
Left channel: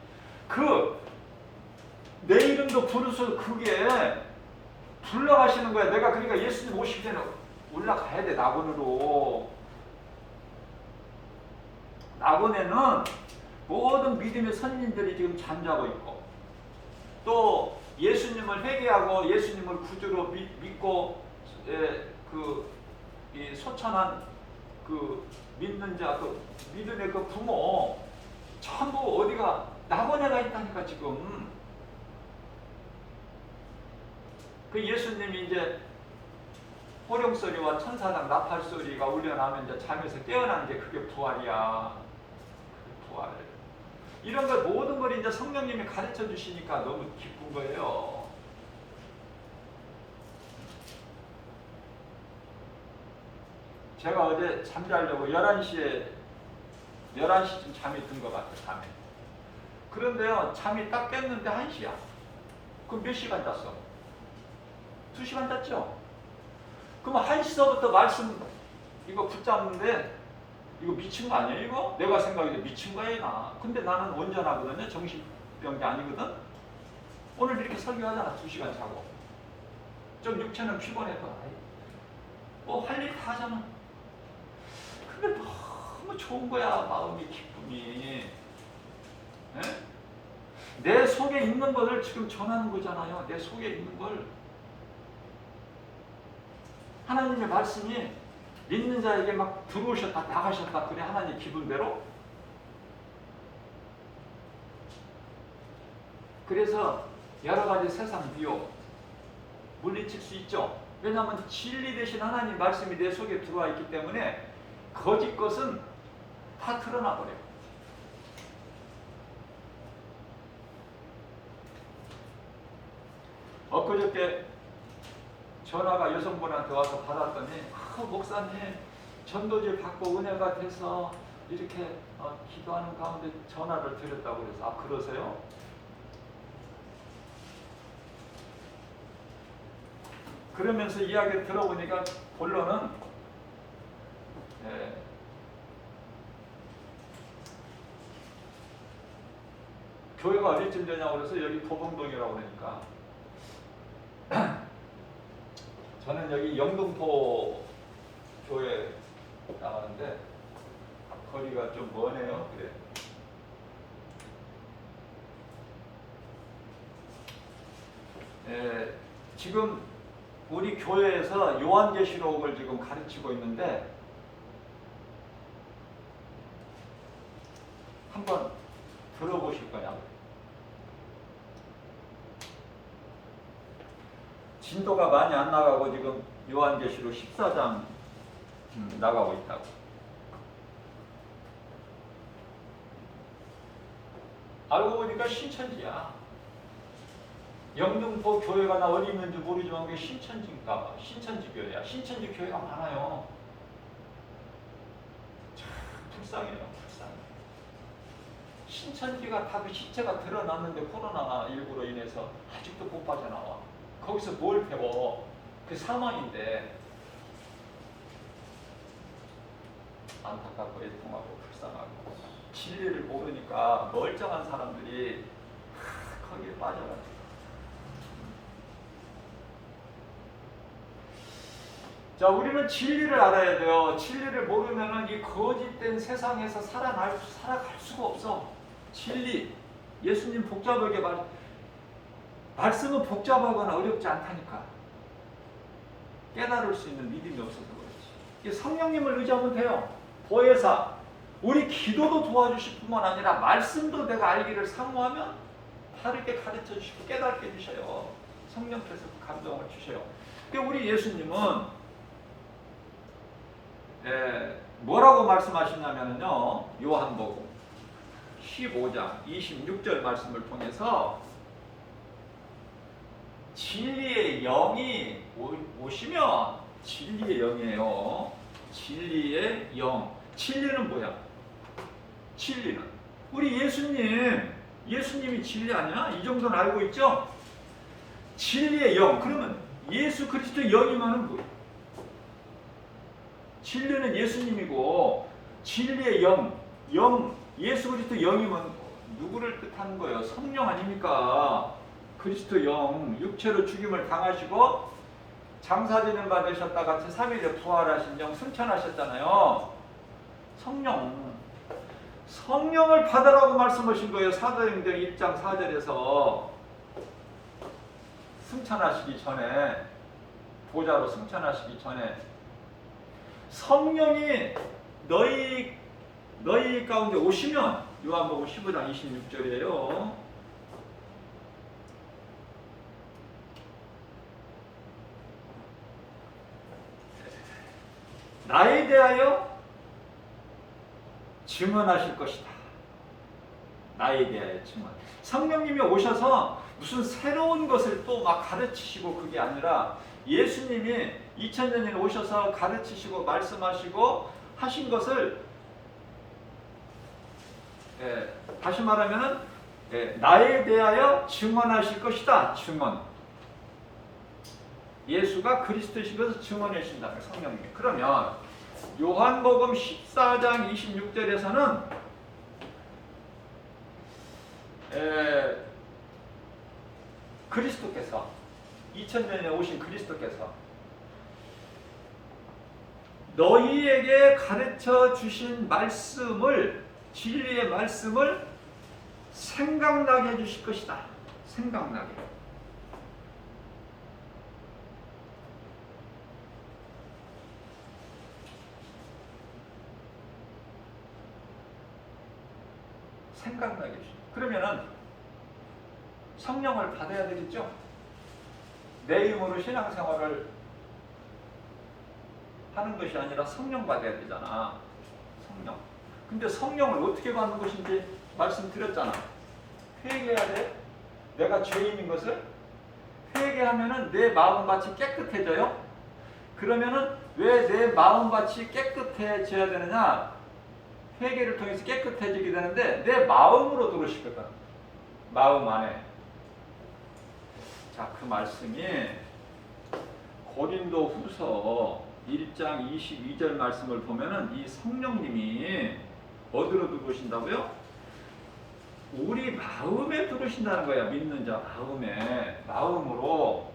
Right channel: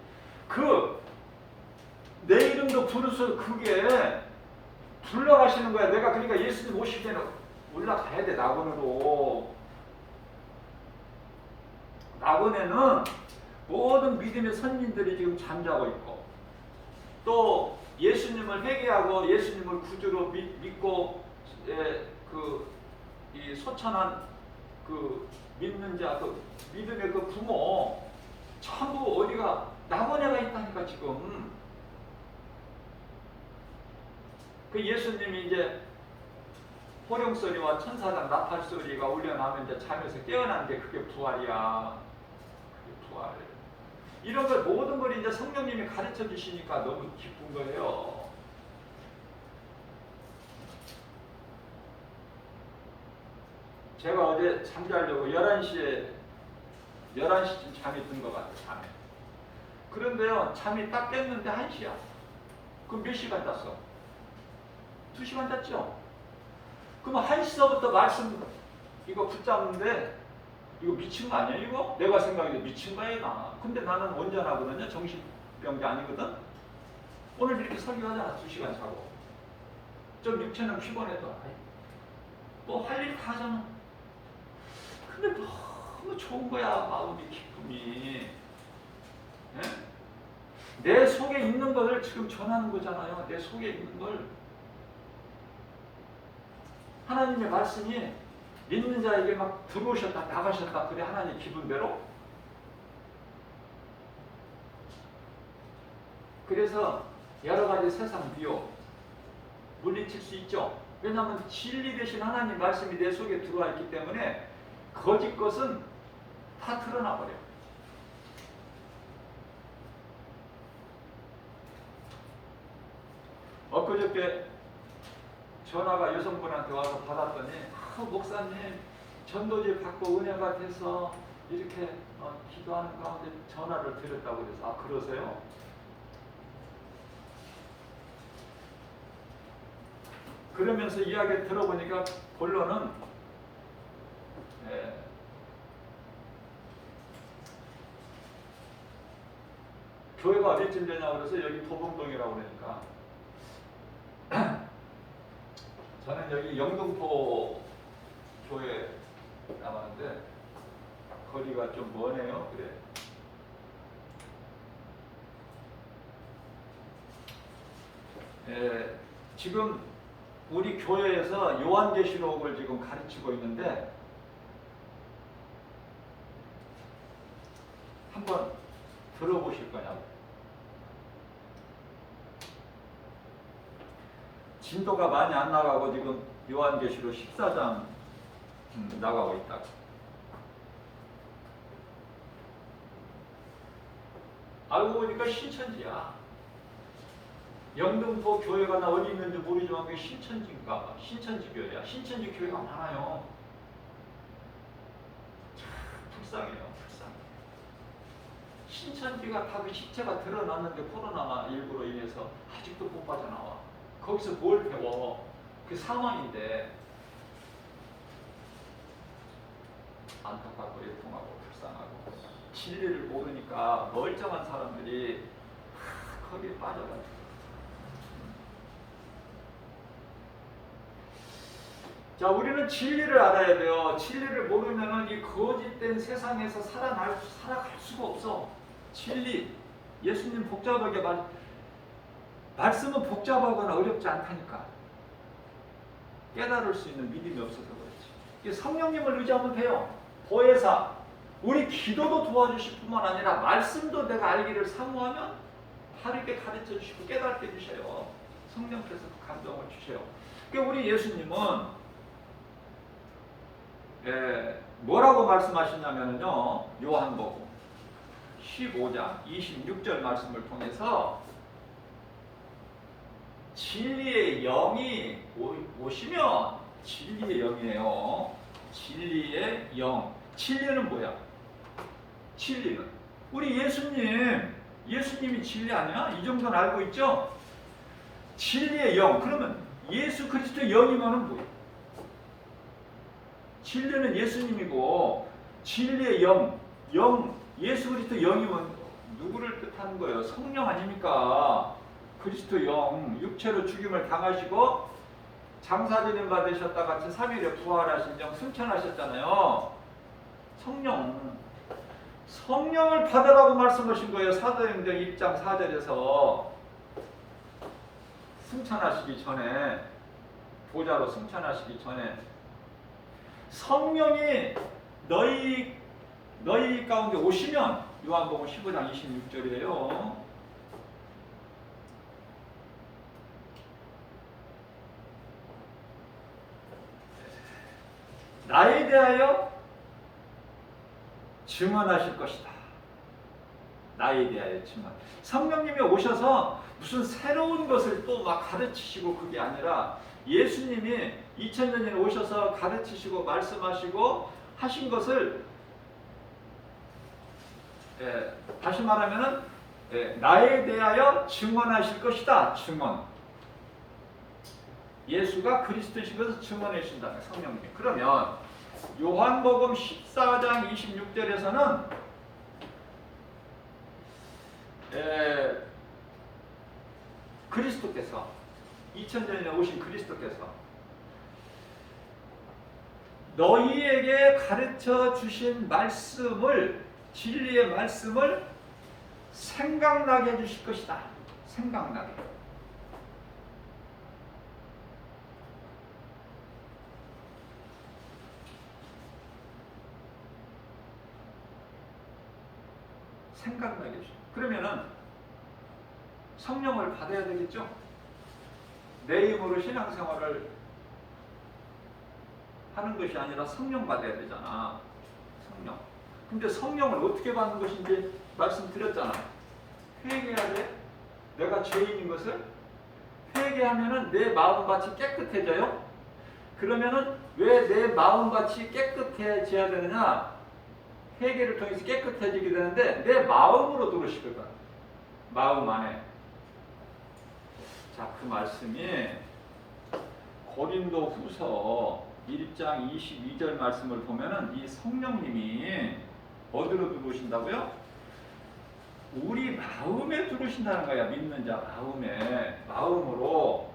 내 이름도 부르셔서 그게 불러가시는 거야. 내가 그러니까 예수님 오실 때는 올라가야 돼. 낙원으로. 낙원에는 모든 믿음의 선민들이 지금 잠자고 있고, 또 예수님을 회개하고 예수님을 구주로 믿고 이 소천한 그 믿는 자, 그 믿음의 그 부모 전부 어디가 낙원에 가 있다니까. 지금 그 예수님이 이제 호령 소리와 천사장 나팔 소리가 울려나면 이제 잠에서 깨어나는 게 그게 부활이야. 그게 부활. 이런 걸 모든 걸 이제 성령님이 가르쳐 주시니까 너무 기쁜 거예요. 제가 어제 잠자려고 11시쯤 잠이 든 것 같아요. 밤에. 그런데요, 잠이 딱 깼는데 1시야. 그럼 몇 시간 잤어? 2시간 잤죠? 그럼 1시서부터 말씀 이거 붙잡는데 이거 미친 거 아니야 이거? 내가 생각해도 미친 거야 나. 근데 나는 온전하거든요. 정신병자 아니거든. 오늘 이렇게 설교하잖아. 2시간 자고. 좀 육체는 피곤해도 뭐 할 일 다 하잖아. 근데 너무 좋은 거야. 마음이 기쁨이. 네? 내 속에 있는 것을 지금 전하는 거잖아요. 내 속에 있는 걸. 하나님의 말씀이 있는 자에게 막 들어오셨다 나가셨다 그래 하나님 기분대로. 그래서 여러 가지 세상 미혹 물리칠 수 있죠. 왜냐하면 진리 대신 하나님 말씀이 내 속에 들어와 있기 때문에 거짓 것은 다 드러나 버려요. 엊그저께 전화가 여성분한테 와서 받았더니 목사님 전도지 받고 은혜가 돼서 이렇게 기도하는 가운데 전화를 드렸다고 그래서 그러세요? 그러면서 이야기 들어보니까 본론은 교회가 어디쯤 되냐고 그래서 여기 도봉동이라고 그러니까 저는 여기 영등포 교회 나가는데 거리가 좀 머네요. 그래. 지금 우리 교회에서 요한계시록을 지금 가르치고 있는데 한번 들어보실 거냐고. 진도가 많이 안 나가고 지금 요한계시록 14장 나가고 있다고. 알고 보니까 신천지야. 영등포 교회가 나 어디 있는지 모르지만 그게 신천지인가? 신천지 교회야. 신천지 교회가 많아요. 참 불쌍해요. 불쌍해. 신천지가 다 그 실체가 드러났는데 코로나19로 인해서 아직도 못 빠져나와. 거기서 뭘 배워? 그 사망인데. 안타깝고 애통하고 불쌍하고 진리를 모르니까 멀쩡한 사람들이 거기에 빠져가지고. 자, 우리는 진리를 알아야 돼요. 진리를 모르면은 이 거짓된 세상에서 살아갈 수가 없어. 진리. 예수님 복잡하게 말씀은 복잡하거나 어렵지 않다니까. 깨달을 수 있는 믿음이 없어서 그렇지. 성령님을 의지하면 돼요. 보혜사. 우리 기도도 도와주실 뿐만 아니라 말씀도 내가 알기를 사모하면 바르게 가르쳐 주시고 깨닫게 해주셔요. 성령께서 그 감동을 주셔요. 그러니까 우리 예수님은 뭐라고 말씀하시냐면요. 요한복음 15장 26절 말씀을 통해서 진리의 영이 오시면 진리의 영이에요. 진리의 영. 진리는 뭐야? 진리는 우리 예수님이 진리 아니야? 이 정도는 알고 있죠? 진리의 영. 그러면 예수 그리스도 영이면은 뭐야? 진리는 예수님이고 진리의 영 예수 그리스도 영이면 누구를 뜻하는 거예요? 성령 아닙니까? 그리스도 영 육체로 죽임을 당하시고 장사되는 바 되셨다 같이 3일에 부활하신 영 승천하셨잖아요. 성령을 받으라고 말씀하신 거예요. 사도행전 1장 4절에서 승천하시기 전에 보좌로 승천하시기 전에 성령이 너희 가운데 오시면 요한복음 15장 26절이에요. 나에 대하여 증언하실 것이다. 나에 대하여 증언. 성령님이 오셔서 무슨 새로운 것을 또 막 가르치시고 그게 아니라 예수님이 2000년 전에 오셔서 가르치시고 말씀하시고 하신 것을 다시 말하면은 나에 대하여 증언하실 것이다. 증언. 예수가 그리스도시면서 증언해 주신다는 거예요. 성령님이. 그러면 요한복음 14장 26절에서는 그리스도께서 2000년에 오신 그리스도께서 너희에게 가르쳐 주신 말씀을, 진리의 말씀을 생각나게 해주실 것이다. 생각나게. 생각나게 해주실. 그러면은 성령을 받아야 되겠죠? 내 힘으로 신앙생활을 하는 것이 아니라 성령 받아야 되잖아. 성령. 근데 성령을 어떻게 받는 것인지 말씀드렸잖아. 회개해야 돼. 내가 죄인인 것을 회개하면은 내 마음밭이 깨끗해져요. 그러면은 왜 내 마음밭이 깨끗해져야 되느냐? 회개를 통해서 깨끗해지게 되는데 내 마음으로 들어오시거든. 마음 안에. 자, 그 말씀이 고린도 후서 1장 22절 말씀을 보면은 이 성령님이 어디로 들어오신다고요? 우리 마음에 들어오신다는 거야. 믿는 자 마음에. 마음으로.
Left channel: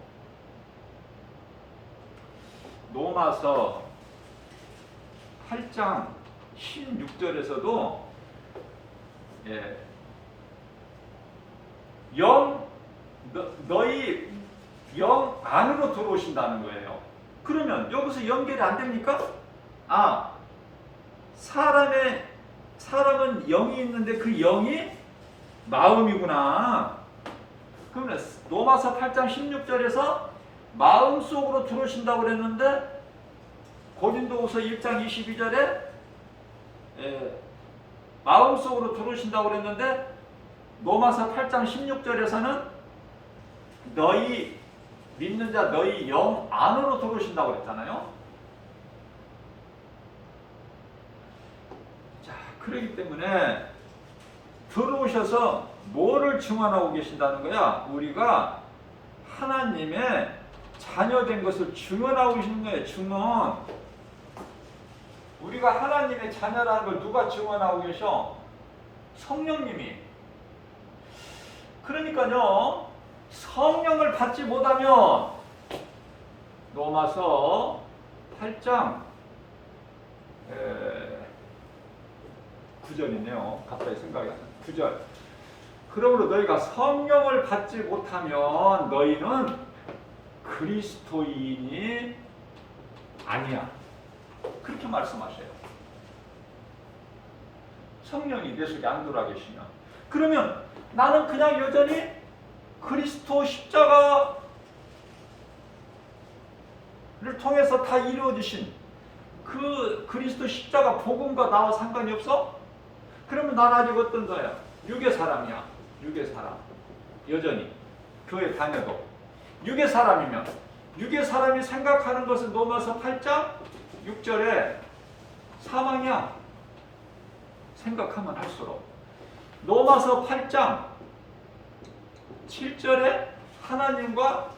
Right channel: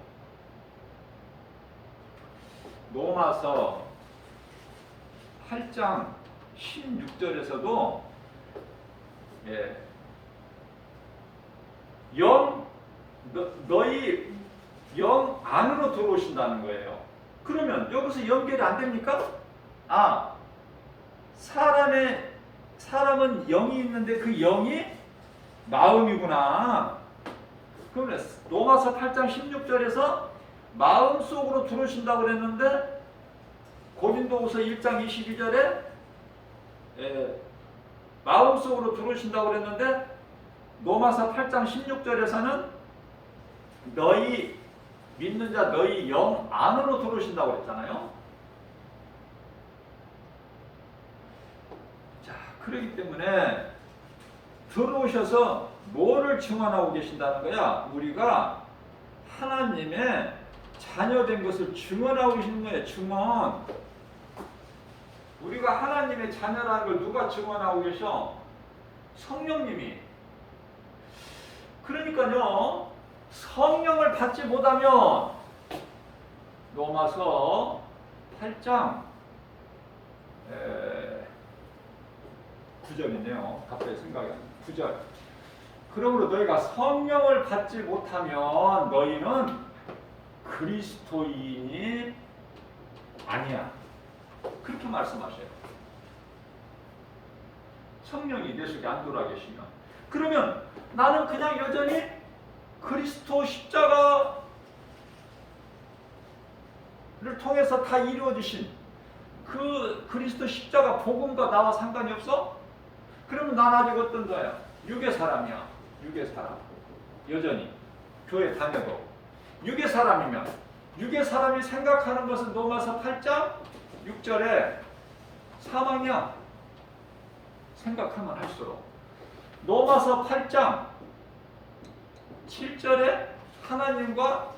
로마서 8장 16절에서도 너희 영 안으로 들어오신다는 거예요. 그러면 여기서 연결이 안 됩니까? 사람은 영이 있는데 그 영이 마음이구나. 그러면 로마서 8장 16절에서 마음속으로 들어오신다고 그랬는데 고린도후서 1장 22절에 마음속으로 들어오신다고 그랬는데 로마서 8장 16절에서는 너희 믿는 자 너희 영 안으로 들어오신다고 그랬잖아요. 자, 그렇기 때문에 들어오셔서 뭐를 증언하고 계신다는 거야? 우리가 하나님의 자녀된 것을 증언하고 계시는 거예요. 증언. 우리가 하나님의 자녀라는 걸 누가 증언하고 계셔? 성령님이. 그러니까요, 성령을 받지 못하면 로마서 8장 9절이네요. 갑자기 생각이 안 나요. 9절. 그러므로 너희가 성령을 받지 못하면 너희는 그리스도인이 아니야. 그렇게 말씀하세요. 성령이 내 속에 안 들어와 계시면. 그러면 나는 그냥 여전히 그리스도 십자가를 통해서 다 이루어지신 그 그리스도 십자가 복음과 나와 상관이 없어? 그러면 난 아직 어떤 거야? 육의 사람이야. 육의 사람. 여전히 교회 다녀도 육의 사람이면 육의 사람이 생각하는 것은 로마서 8장 6절에 사망이야. 생각하면 할수록. 로마서 8장 7절에 하나님과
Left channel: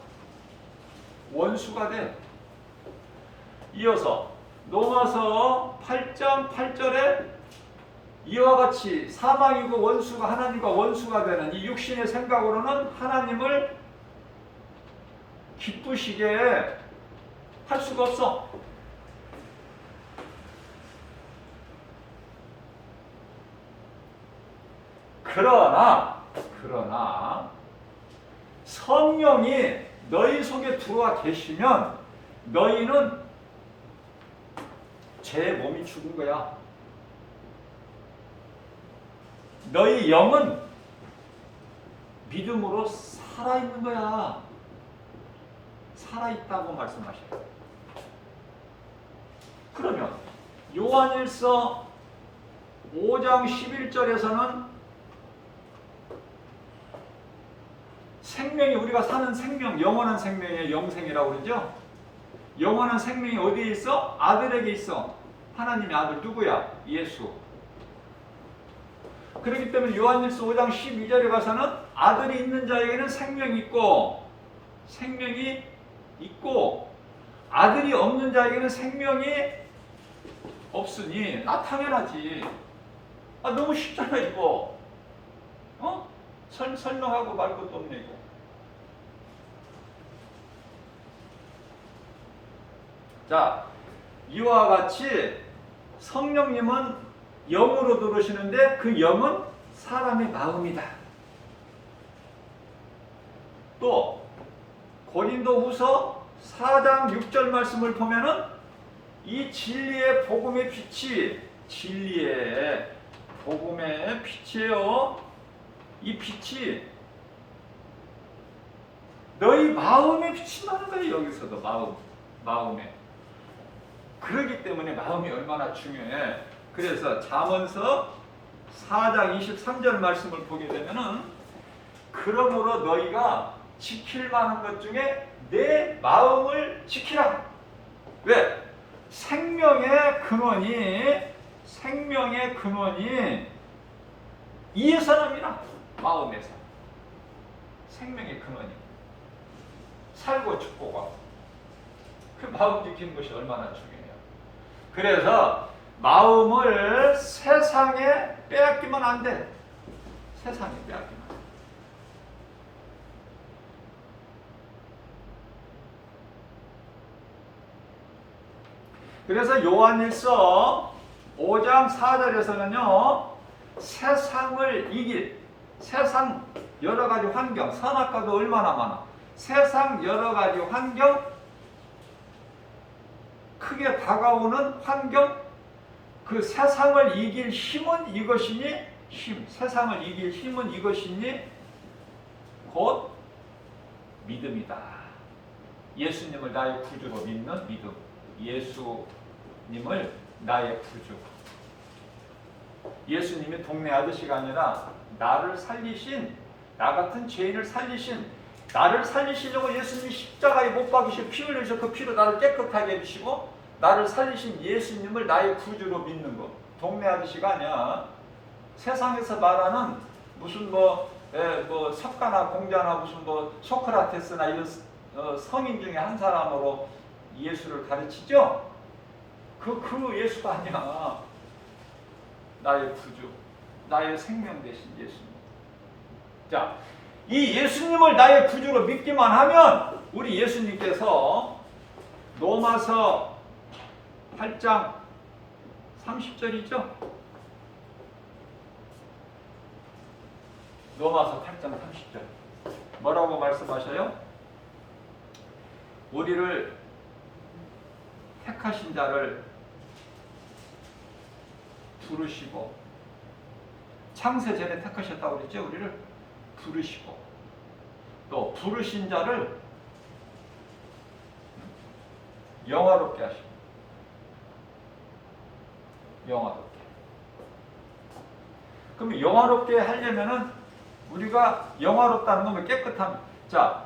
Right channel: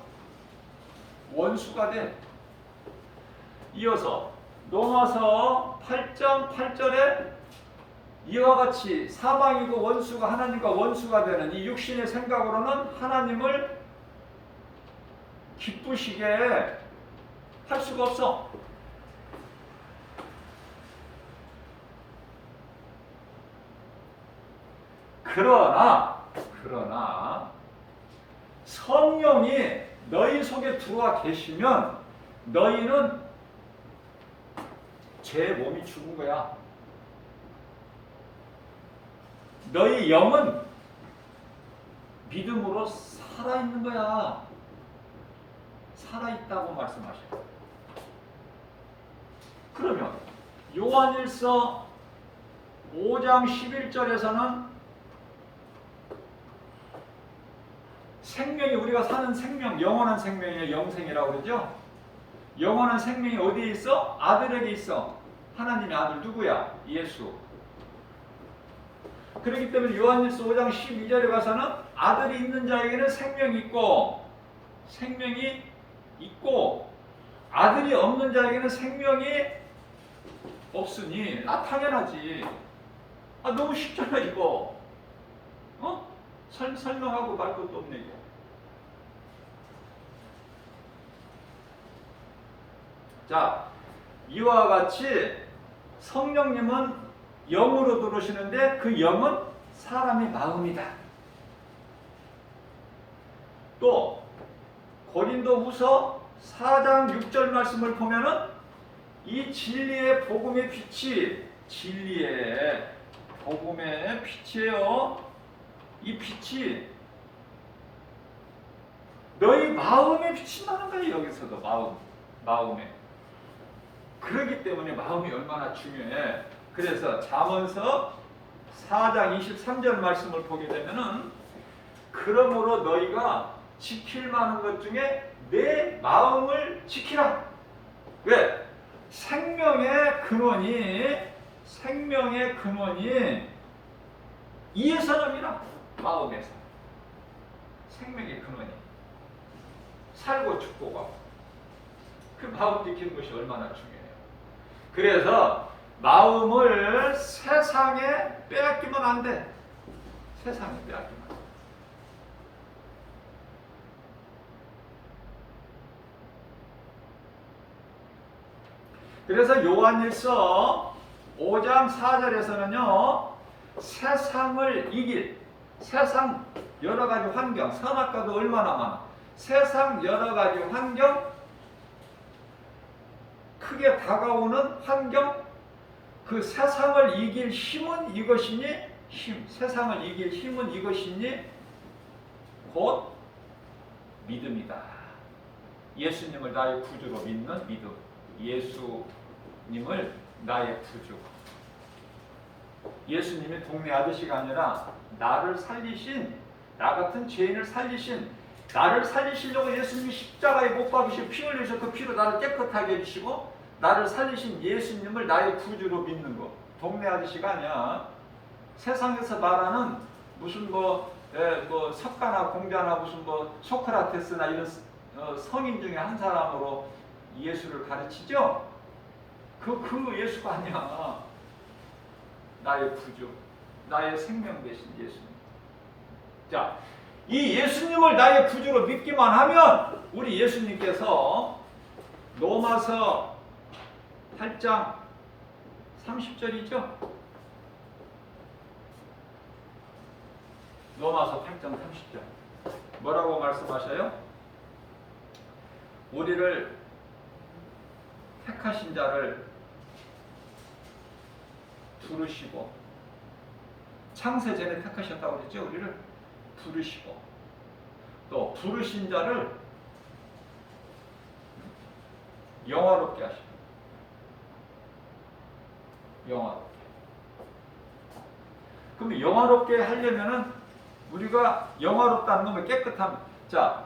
원수가 돼. 이어서 로마서 8장 8절에 이와 같이 사망이고 원수가 하나님과 원수가 되는 이 육신의 생각으로는 하나님을 기쁘시게 할 수가 없어. 그러나 성령이 너희 속에 들어와 계시면 너희는 죄 몸이 죽은 거야. 너희 영은 믿음으로 살아있는 거야. 살아있다고 말씀하셔요. 그러면 요한일서 5장 11절에서는 생명이 우리가 사는 생명, 영원한 생명이에요. 영생이라고 그러죠. 영원한 생명이 어디에 있어? 아들에게 있어. 하나님의 아들 누구야? 예수. 그렇기 때문에 요한일서 5장 12절에 가서는 아들이 있는 자에게는 생명이 있고 생명이 있고 아들이 없는 자에게는 생명이 없으니 당연하지. 너무 쉽잖아 이거. 설명하고 말 것도 없네 이거. 자, 이와 같이 성령님은 영으로 들어오시는데 그 영은 사람의 마음이다. 또 고린도후서 4장 6절 말씀을 보면은 이 진리의 복음의 빛이 진리의 복음의 빛이에요. 이 빛이 너희 마음에 비친다는 거예요. 여기서도 마음에. 그렇기 때문에 마음이 얼마나 중요해. 그래서 잠언서 4장 23절 말씀을 보게 되면은 그러므로 너희가 지킬 만한 것 중에 내 마음을 지키라. 왜? 생명의 근원이 이에서 납니다. 마음에서. 생명의 근원이. 살고 죽고가. 그 마음 지키는 것이 얼마나 중요해요. 그래서 마음을 세상에 빼앗기면 안 돼. 세상에 빼앗기면 안 돼. 그래서 요한일서 5장 4절에서는요. 세상을 이길 세상 여러 가지 환경, 선악과도 얼마나 많아. 세상 여러 가지 환경, 크게 다가오는 환경, 그 세상을 이길 힘은 이것이니 세상을 이길 힘은 이것이니 곧 믿음이다. 예수님을 나의 구주로 믿는 믿음. 예수님을 나의 구주. 예수님이 동네 아저씨가 아니라 나를 살리신, 나 같은 죄인을 살리신, 나를 살리시려고 예수님이 십자가에 못 박이시고 피 흘리셔서 그 피로 나를 깨끗하게 해주시고 나를 살리신 예수님을 나의 구주로 믿는 거. 동네 아저씨가 아니야. 세상에서 말하는 무슨 석가나 공자나 무슨 소크라테스나 이런 성인 중에 한 사람으로 예수를 가르치죠? 그 예수가 아니야. 나의 구주, 나의 생명 되신 예수님. 자, 이 예수님을 나의 구주로 믿기만 하면 우리 예수님께서 로마서 8장 30절이죠? 로마서 8장 30절. 뭐라고 말씀하셔요? 우리를 택하신 자를 부르시고, 창세 전에 택하셨다고 그랬죠? 우리를 부르시고, 또 부르신 자를 영화롭게 하시고, 영화롭게. 그럼 영화롭게 하려면은 우리가 영화롭다는 건 깨끗함. 자,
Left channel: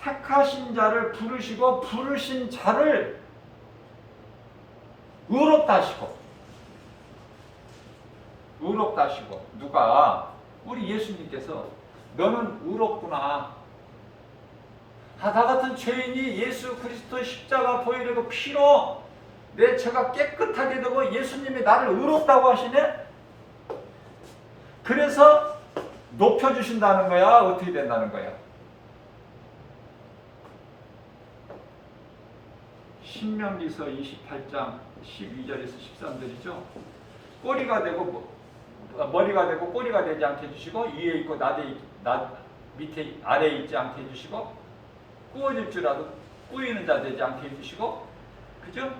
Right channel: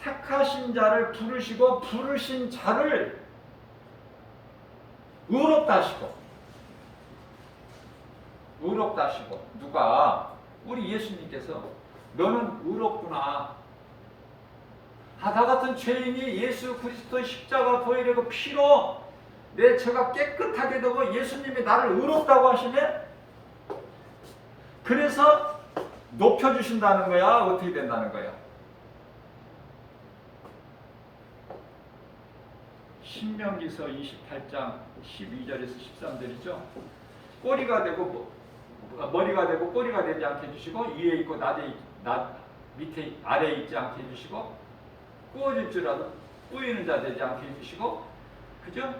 택하신 자를 부르시고 부르신 자를 의롭다 하시고. 의롭다 하시고. 누가? 우리 예수님께서 너는 의롭구나. 나 같은 죄인이 예수 그리스도의 십자가 보혈이고 피로 내 죄가 깨끗하게 되고 예수님이 나를 의롭다고 하시네? 그래서 높여주신다는 거야? 어떻게 된다는 거야? 신명기서 28장 12절에서 13절이죠. 꼬리가 되고 머리가 되고 꼬리가 되지 않게 해주시고 위에 있고 밑에 아래에 있지 않게 해주시고 꾸어질 줄 알고 꾸이는 자 되지 않게 해주시고, 그죠?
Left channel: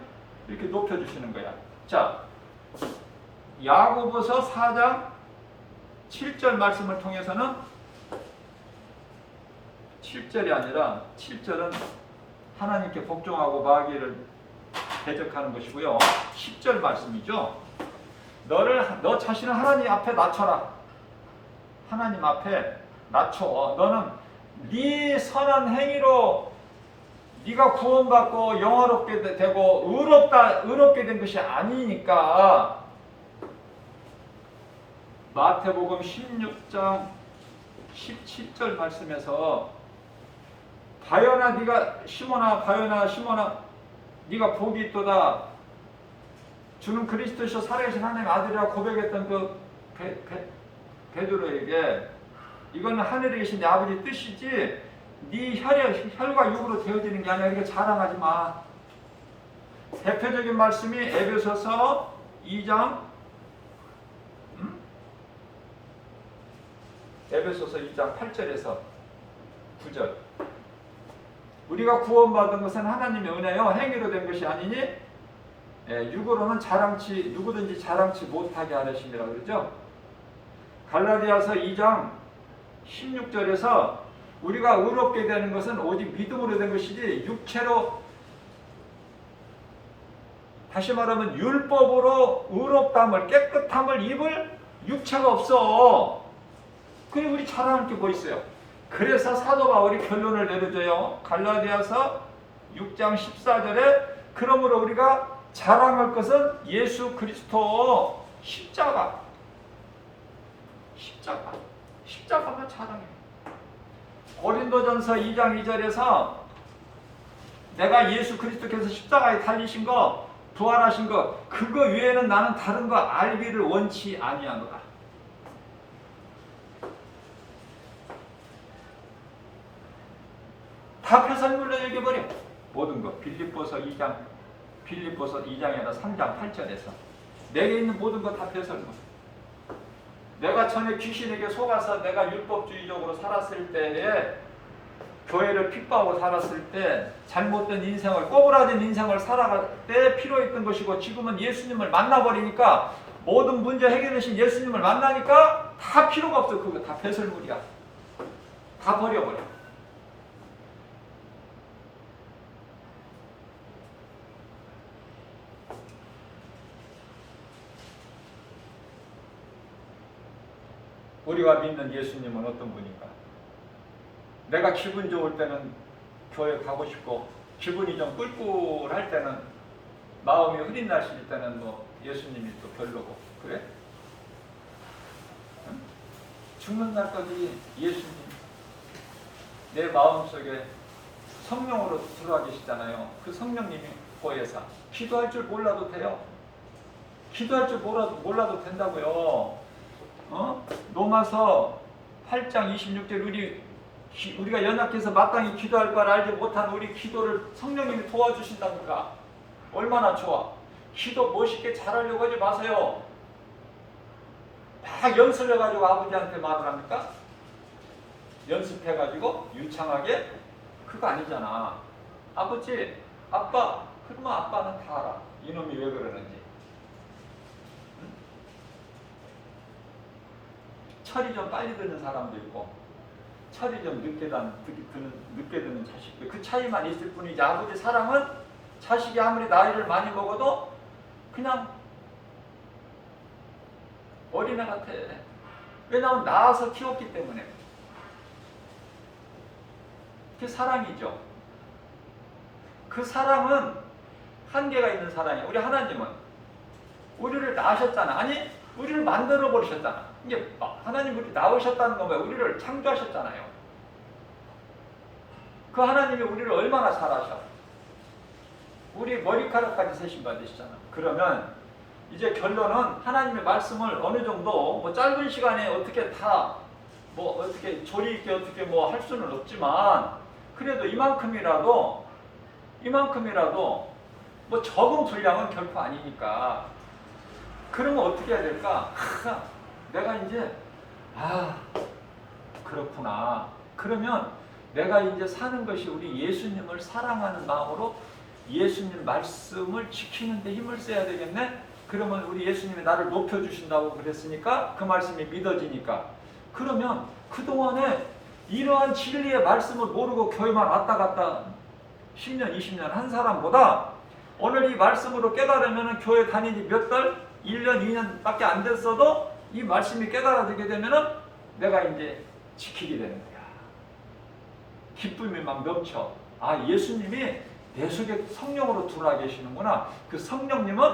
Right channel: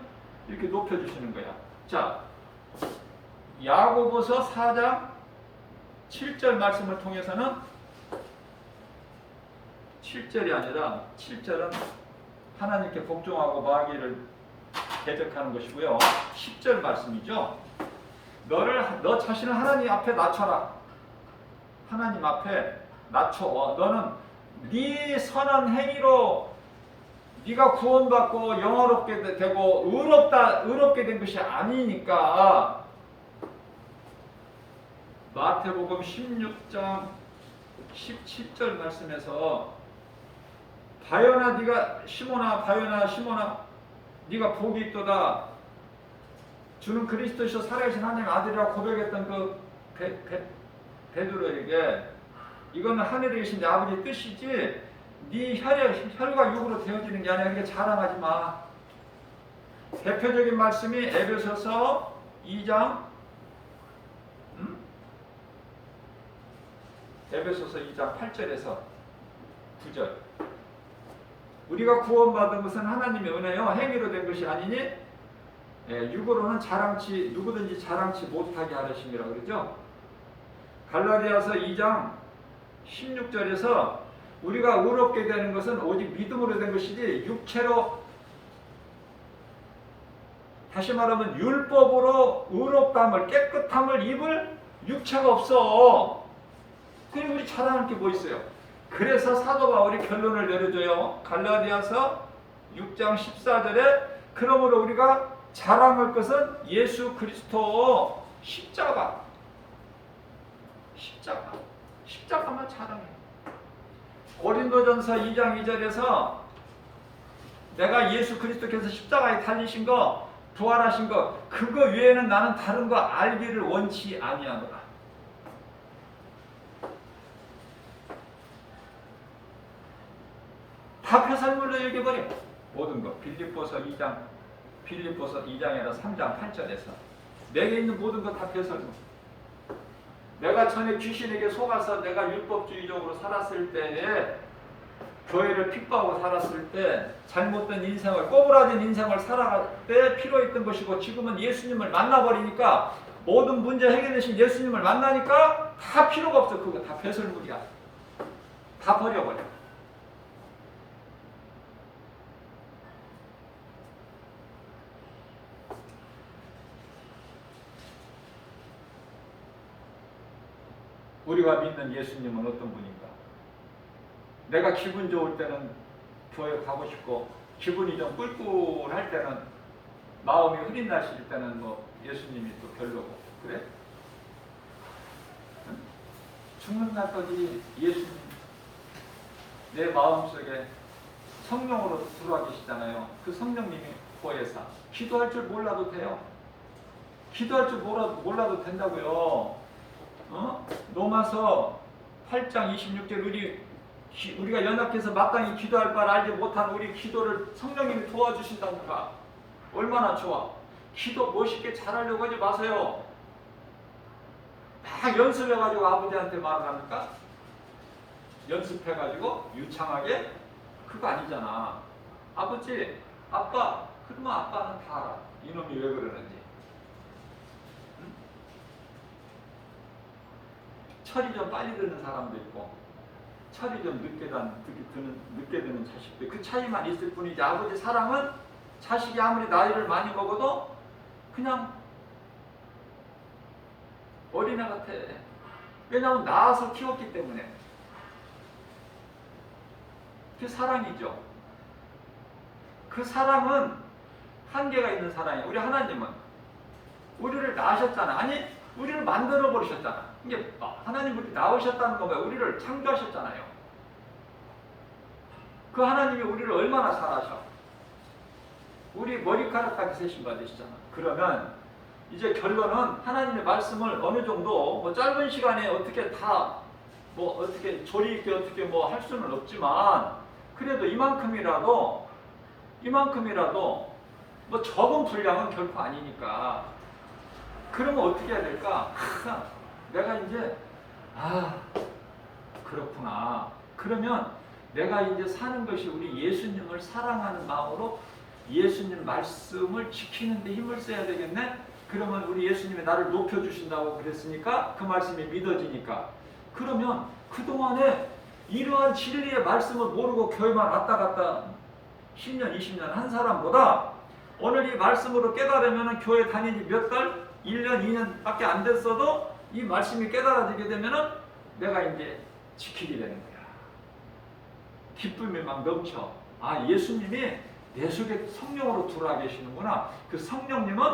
이렇게 높여주시는 거야. 자, 야고보서 4장 7절 말씀을 통해서는 7절이 아니라 7절은 하나님께 복종하고 마귀를 대적하는 것이고요. 10절 말씀이죠. 너 자신을 하나님 앞에 낮춰라. 하나님 앞에 낮춰. 너는 네 선한 행위로 네가 구원받고 영화롭게 되고 의롭게 된 것이 아니니까. 마태복음 16장 17절 말씀에서 바요나 네가 시몬아 바요나 시몬아 네가 복이 있도다. 주는 그리스도시요 살아계신 하나님의 아들이라고 고백했던 그 베드로에게 이거는 하늘에 계신 내 아버지의 뜻이지 네 혈과 육으로 되어지는 게 아니야. 그러니까 자랑하지 마. 대표적인 말씀이 에베소서 2장 에베소서 2장 8절에서 9절. 우리가 구원받은 것은 하나님의 은혜요 행위로 된 것이 아니니 육으로는 누구든지 자랑치 못하게 하려심이라 그러죠. 갈라디아서 2장 16절에서 우리가 의롭게 되는 것은 오직 믿음으로 된 것이지 육체로, 다시 말하면 율법으로 의롭다함을 깨끗함을 입을 육체가 없어. 그리고 우리 자랑할 게 뭐 있어요? 그래서 사도 바울이 결론을 내려줘요. 갈라디아서 6장 14절에 그러므로 우리가 자랑할 것은 예수 그리스도 십자가만 자랑해. 고린도전서 2장 2절에서 내가 예수 그리스도께서 십자가에 달리신 거, 부활하신 거, 그거 외에는 나는 다른 거 알기를 원치 아니하노라. 다 폐설물로 여겨버려. 모든 거. 빌립보서 2장에서 3장 8절에서 내게 있는 모든 거 다 폐설물. 내가 전에 귀신에게 속아서 내가 율법주의적으로 살았을 때에, 교회를 핍박하고 살았을 때, 잘못된 인생을, 꼬부라진 인생을 살아갈 때 필요했던 것이고, 지금은 예수님을 만나버리니까, 모든 문제 해결되신 예수님을 만나니까 다 필요가 없어. 그거 다 폐설물이야. 다 버려버려. 우리가 믿는 예수님은 어떤 분인가? 내가 기분 좋을 때는 교회 가고 싶고, 기분이 좀 꿀꿀할 때는, 마음이 흐린 날씨일 때는 뭐 예수님이 또 별로고, 그래? 응? 죽는 날까지 예수님 내 마음속에 성령으로 들어와 계시잖아요. 그 성령님이 보혜사. 기도할 줄 몰라도 돼요. 기도할 줄 몰라도 된다고요. 로마서 8장 26절 우리가 연약해서 마땅히 기도할 바를 알지 못한 우리 기도를 성령님이 도와주신다니까. 얼마나 좋아. 기도 멋있게 잘하려고 하지 마세요. 막 연습해가지고 아버지한테 말을 합니까? 연습해가지고 유창하게? 그거 아니잖아. 아버지, 아빠, 그러면 아빠는 다 알아. 이놈이 왜 그러는지. 철이 좀 빨리 드는 사람도 있고, 철이 좀 늦게 드는 자식도, 그 차이만 있을 뿐이지. 아버지 사랑은 자식이 아무리 나이를 많이 먹어도 그냥 어린애 같아. 왜냐하면 낳아서 키웠기 때문에. 그게 사랑이죠. 그 사랑은 한계가 있는 사랑이야. 우리 하나님은 우리를 낳으셨잖아. 아니, 우리를 만들어 버리셨잖아. 이게 하나님 우리 낳으셨다는 거 뭐야? 우리를 창조하셨잖아요. 그 하나님이 우리를 얼마나 잘하셔? 우리 머리카락까지 세심 받으시잖아. 그러면 이제 결론은 하나님의 말씀을 어느 정도 뭐 짧은 시간에 어떻게 다 뭐 어떻게 조리 있게 어떻게 뭐 할 수는 없지만, 그래도 이만큼이라도 뭐 적은 분량은 결코 아니니까. 그러면 어떻게 해야 될까? 내가 이제 그렇구나. 그러면 내가 이제 사는 것이 우리 예수님을 사랑하는 마음으로 예수님 말씀을 지키는 데 힘을 써야 되겠네. 그러면 우리 예수님이 나를 높여주신다고 그랬으니까 그 말씀이 믿어지니까. 그러면 그동안에 이러한 진리의 말씀을 모르고 교회만 왔다 갔다 10년 20년 한 사람보다 오늘 이 말씀으로 깨달으면 교회 다니지 몇 달? 1년 2년밖에 안 됐어도 이 말씀이 깨달아지게 되면은 내가 이제 지키게 되는 거야. 기쁨이 막 넘쳐. 예수님이 내 속에 성령으로 들어와 계시는구나. 그 성령님은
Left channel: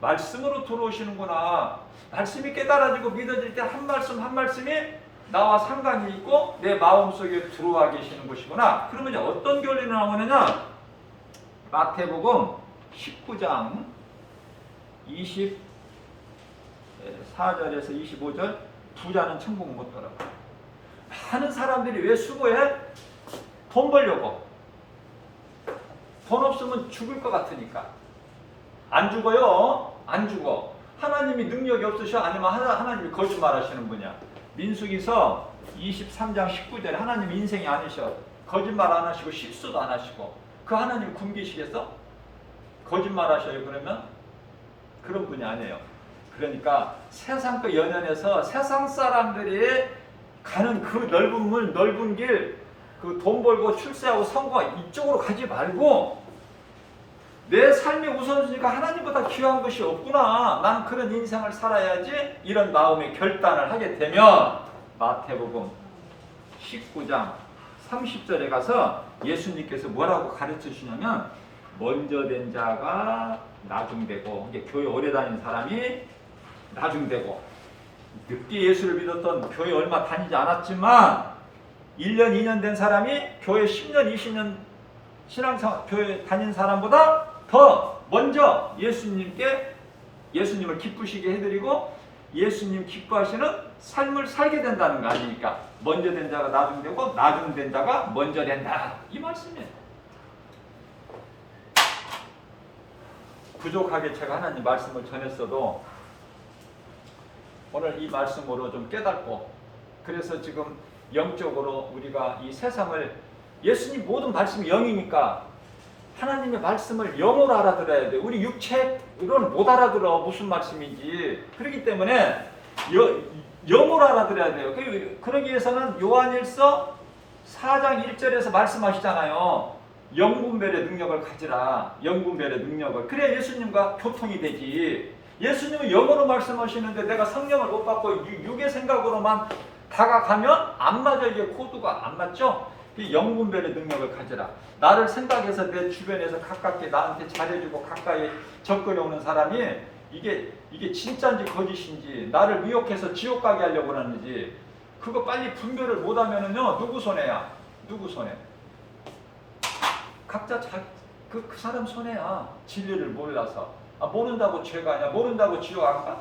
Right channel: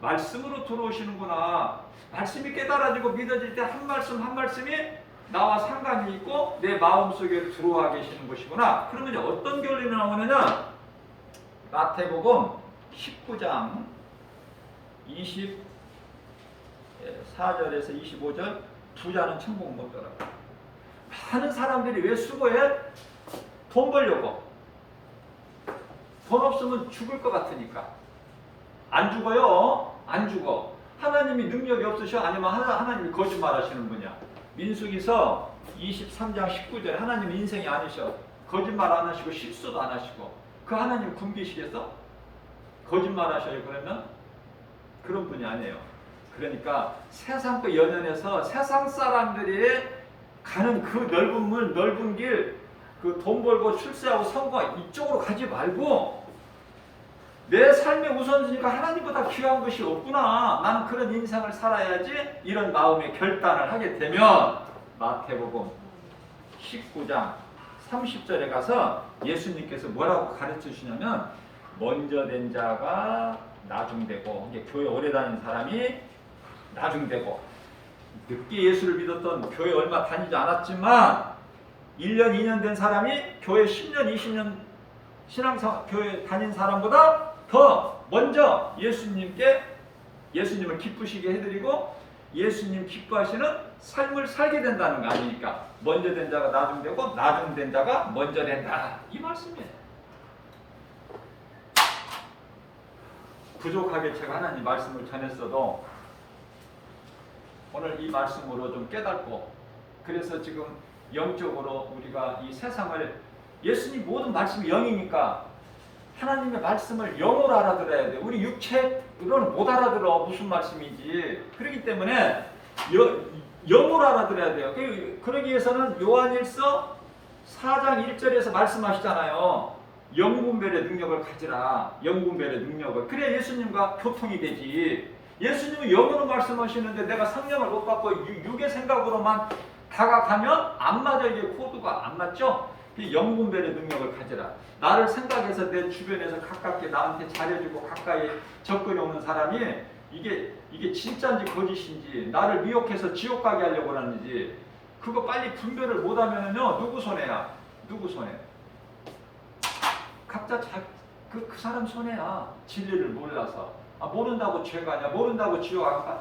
말씀으로 들어오시는구나. 말씀이 깨달아지고 믿어질 때 한 말씀 한 말씀이 나와 상관이 있고 내 마음속에 들어와 계시는 것이구나. 그러면 어떤 결론이 나오느냐? 마태복음 19장 24절에서 25절 부자는 천국 못 들어가. 많은 사람들이 왜 수고해? 돈 벌려고. 돈 없으면 죽을 것 같으니까. 안 죽어요. 안 죽어. 하나님이 능력이 없으셔? 아니면 하나님이 거짓말 하시는 분이야? 민수기서 23장 19절에 하나님 인생이 아니셔. 거짓말 안 하시고 실수도 안 하시고. 그 하나님 굶기시겠어? 거짓말 하셔요 그러면? 그런 분이 아니에요. 그러니까 세상 그 연연해서 세상 사람들이 가는 그 넓은 길, 그 돈 벌고 출세하고 성공 이쪽으로 가지 말고 내 삶의 우선순위가 하나님보다 귀한 것이 없구나. 나는 그런 인생을 살아야지. 이런 마음의 결단을 하게 되면 마태복음 19장 30절에 가서 예수님께서 뭐라고 가르치시냐면 먼저 된 자가 나중되고, 이게 교회 오래 다닌 사람이 나중되고, 늦게 예수를 믿었던 교회 얼마 다니지 않았지만 1년 2년 된 사람이 교회 10년 20년 교회 다닌 사람보다 더 먼저 예수님을 기쁘시게 해드리고 예수님 기뻐하시는 삶을 살게 된다는 거 아닙니까? 먼저 된 자가 나중되고 나중된 자가 먼저 된다. 이 말씀이에요. 부족하게 제가 하나님 말씀을 전했어도 오늘 이 말씀으로 좀 깨닫고, 그래서 지금 영적으로 우리가 이 세상을, 예수님 모든 말씀이 영이니까 하나님의 말씀을 영으로 알아들어야 돼. 우리 육체로는 못 알아들어 무슨 말씀인지. 그렇기 때문에 영으로 알아들어야 돼요. 그러기 위해서는 요한일서 4장 1절에서 말씀하시잖아요. 영분별의 능력을 가지라. 영분별의 능력을. 그래야 예수님과 교통이 되지. 예수님은 영으로 말씀하시는데 내가 성령을 못 받고 육의 생각으로만 다가가면 안 맞아. 이게 코드가 안 맞죠? 영분별의 능력을 가지라. 나를 생각해서 내 주변에서 가깝게 나한테 잘해주고 가까이 접근해 오는 사람이 이게 진짜인지 거짓인지, 나를 미혹해서 지옥 가게 하려고 하는지, 그거 빨리 분별을 못하면은요 누구 손해야? 누구 손해? 각자 그 사람 손해야. 진리를 몰라서. 모른다고 죄가 아니야. 모른다고 지옥 안 가?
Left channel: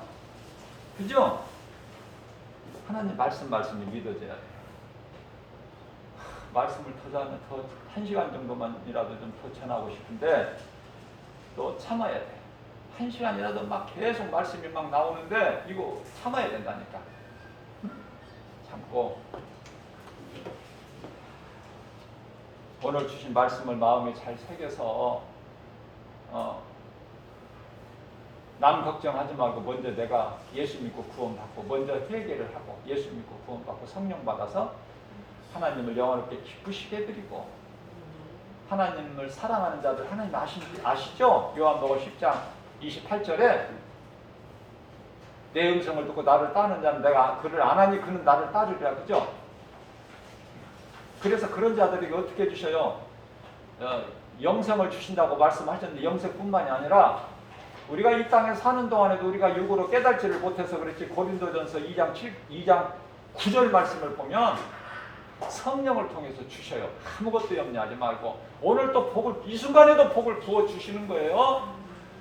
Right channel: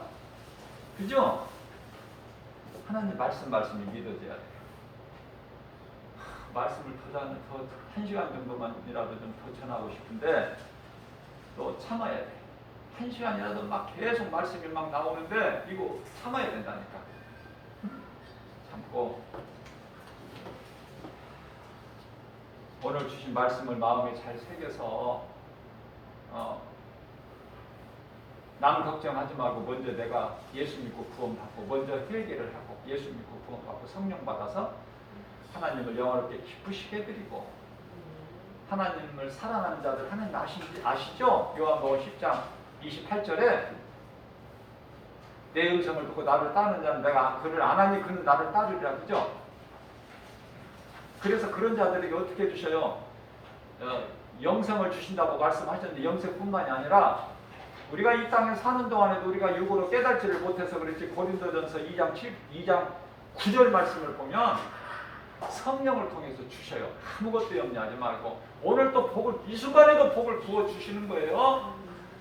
그죠? 하나님 말씀이 믿어져야 돼. 말씀을 더 1시간 정도만이라도 좀 더 전하고 싶은데 또 참아야 돼. 1시간이라도 막 계속 말씀이 막 나오는데 이거 참아야 된다니까. 참고 오늘 주신 말씀을 마음에 잘 새겨서 남 걱정하지 말고 먼저 내가 예수 믿고 구원받고 먼저 회개를 하고 예수 믿고 구원받고 성령 받아서 하나님을 영원롭게 기쁘시게 해드리고, 하나님을 사랑하는 자들 하나님 아시죠? 요한복음 10장 28절에 내 음성을 듣고 나를 따르는 자는 내가 그를 안 하니 그는 나를 따르리라. 그죠? 그래서 그런 자들에게 어떻게 해주셔요? 영생을 주신다고 말씀하셨는데 영생뿐만이 아니라 우리가 이 땅에 사는 동안에도 우리가 육으로 깨달지를 못해서 그렇지, 고린도전서 2장 9절 말씀을 보면 성령을 통해서 주셔요. 아무것도 염려하지 말고 오늘 또 복을, 이 순간에도 복을 부어주시는 거예요.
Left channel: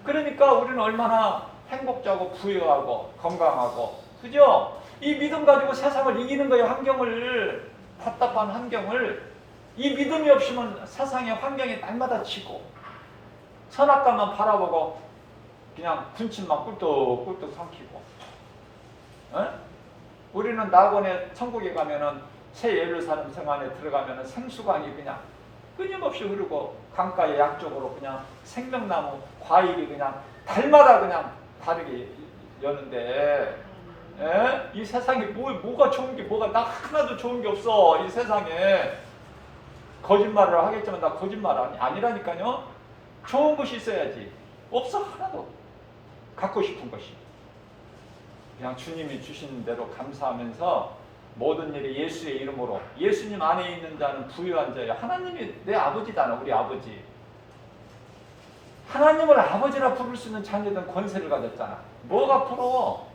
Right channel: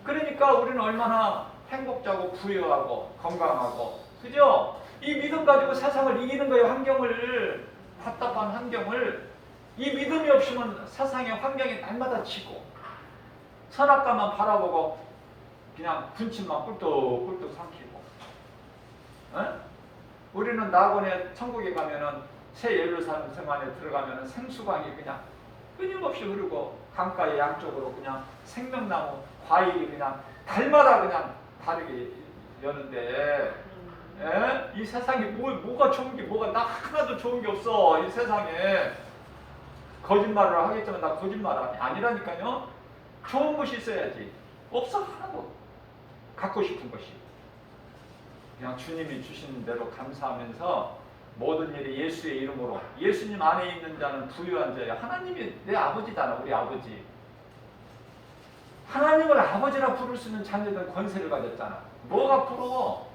그러니까 우리는 얼마나 행복자고 부유하고 건강하고, 그죠? 이 믿음 가지고 세상을 이기는 거예요. 환경을, 답답한 환경을. 이 믿음이 없으면 세상의 환경이 날마다 지고 선악과만 바라보고 그냥 군침만 꿀떡꿀떡 삼키고. 우리는 낙원에 천국에 가면은 새 예루살렘 성안에 들어가면은 생수강이 그냥 끊임없이 흐르고 강가의 양쪽으로 그냥 생명나무 과일이 그냥 달마다 그냥 다르게 여는데, 이 세상에 뭐가 좋은 게 뭐가, 나 하나도 좋은 게 없어. 이 세상에 거짓말을 하겠지만 나 거짓말 아니라니까요. 좋은 것이 있어야지. 없어. 하나도. 갖고 싶은 것이. 그냥 주님이 주신 대로 감사하면서 모든 일이 예수의 이름으로, 예수님 안에 있는 자는 부유한 자야. 하나님이 내 아버지잖아. 우리 아버지. 하나님을 아버지라 부를 수 있는 자녀된 권세를 가졌잖아. 뭐가 부러워?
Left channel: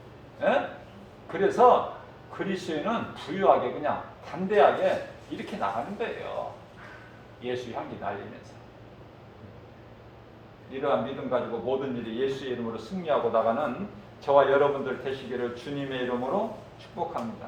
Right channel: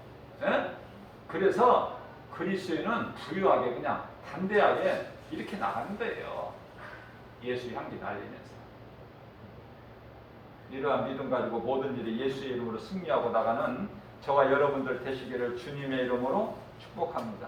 그래서 그리스도인은 부유하게 그냥 담대하게 이렇게 나가는 거예요. 예수 향기 날리면서. 이러한 믿음 가지고 모든 일이 예수의 이름으로 승리하고 나가는 저와 여러분들 되시기를 주님의 이름으로 축복합니다.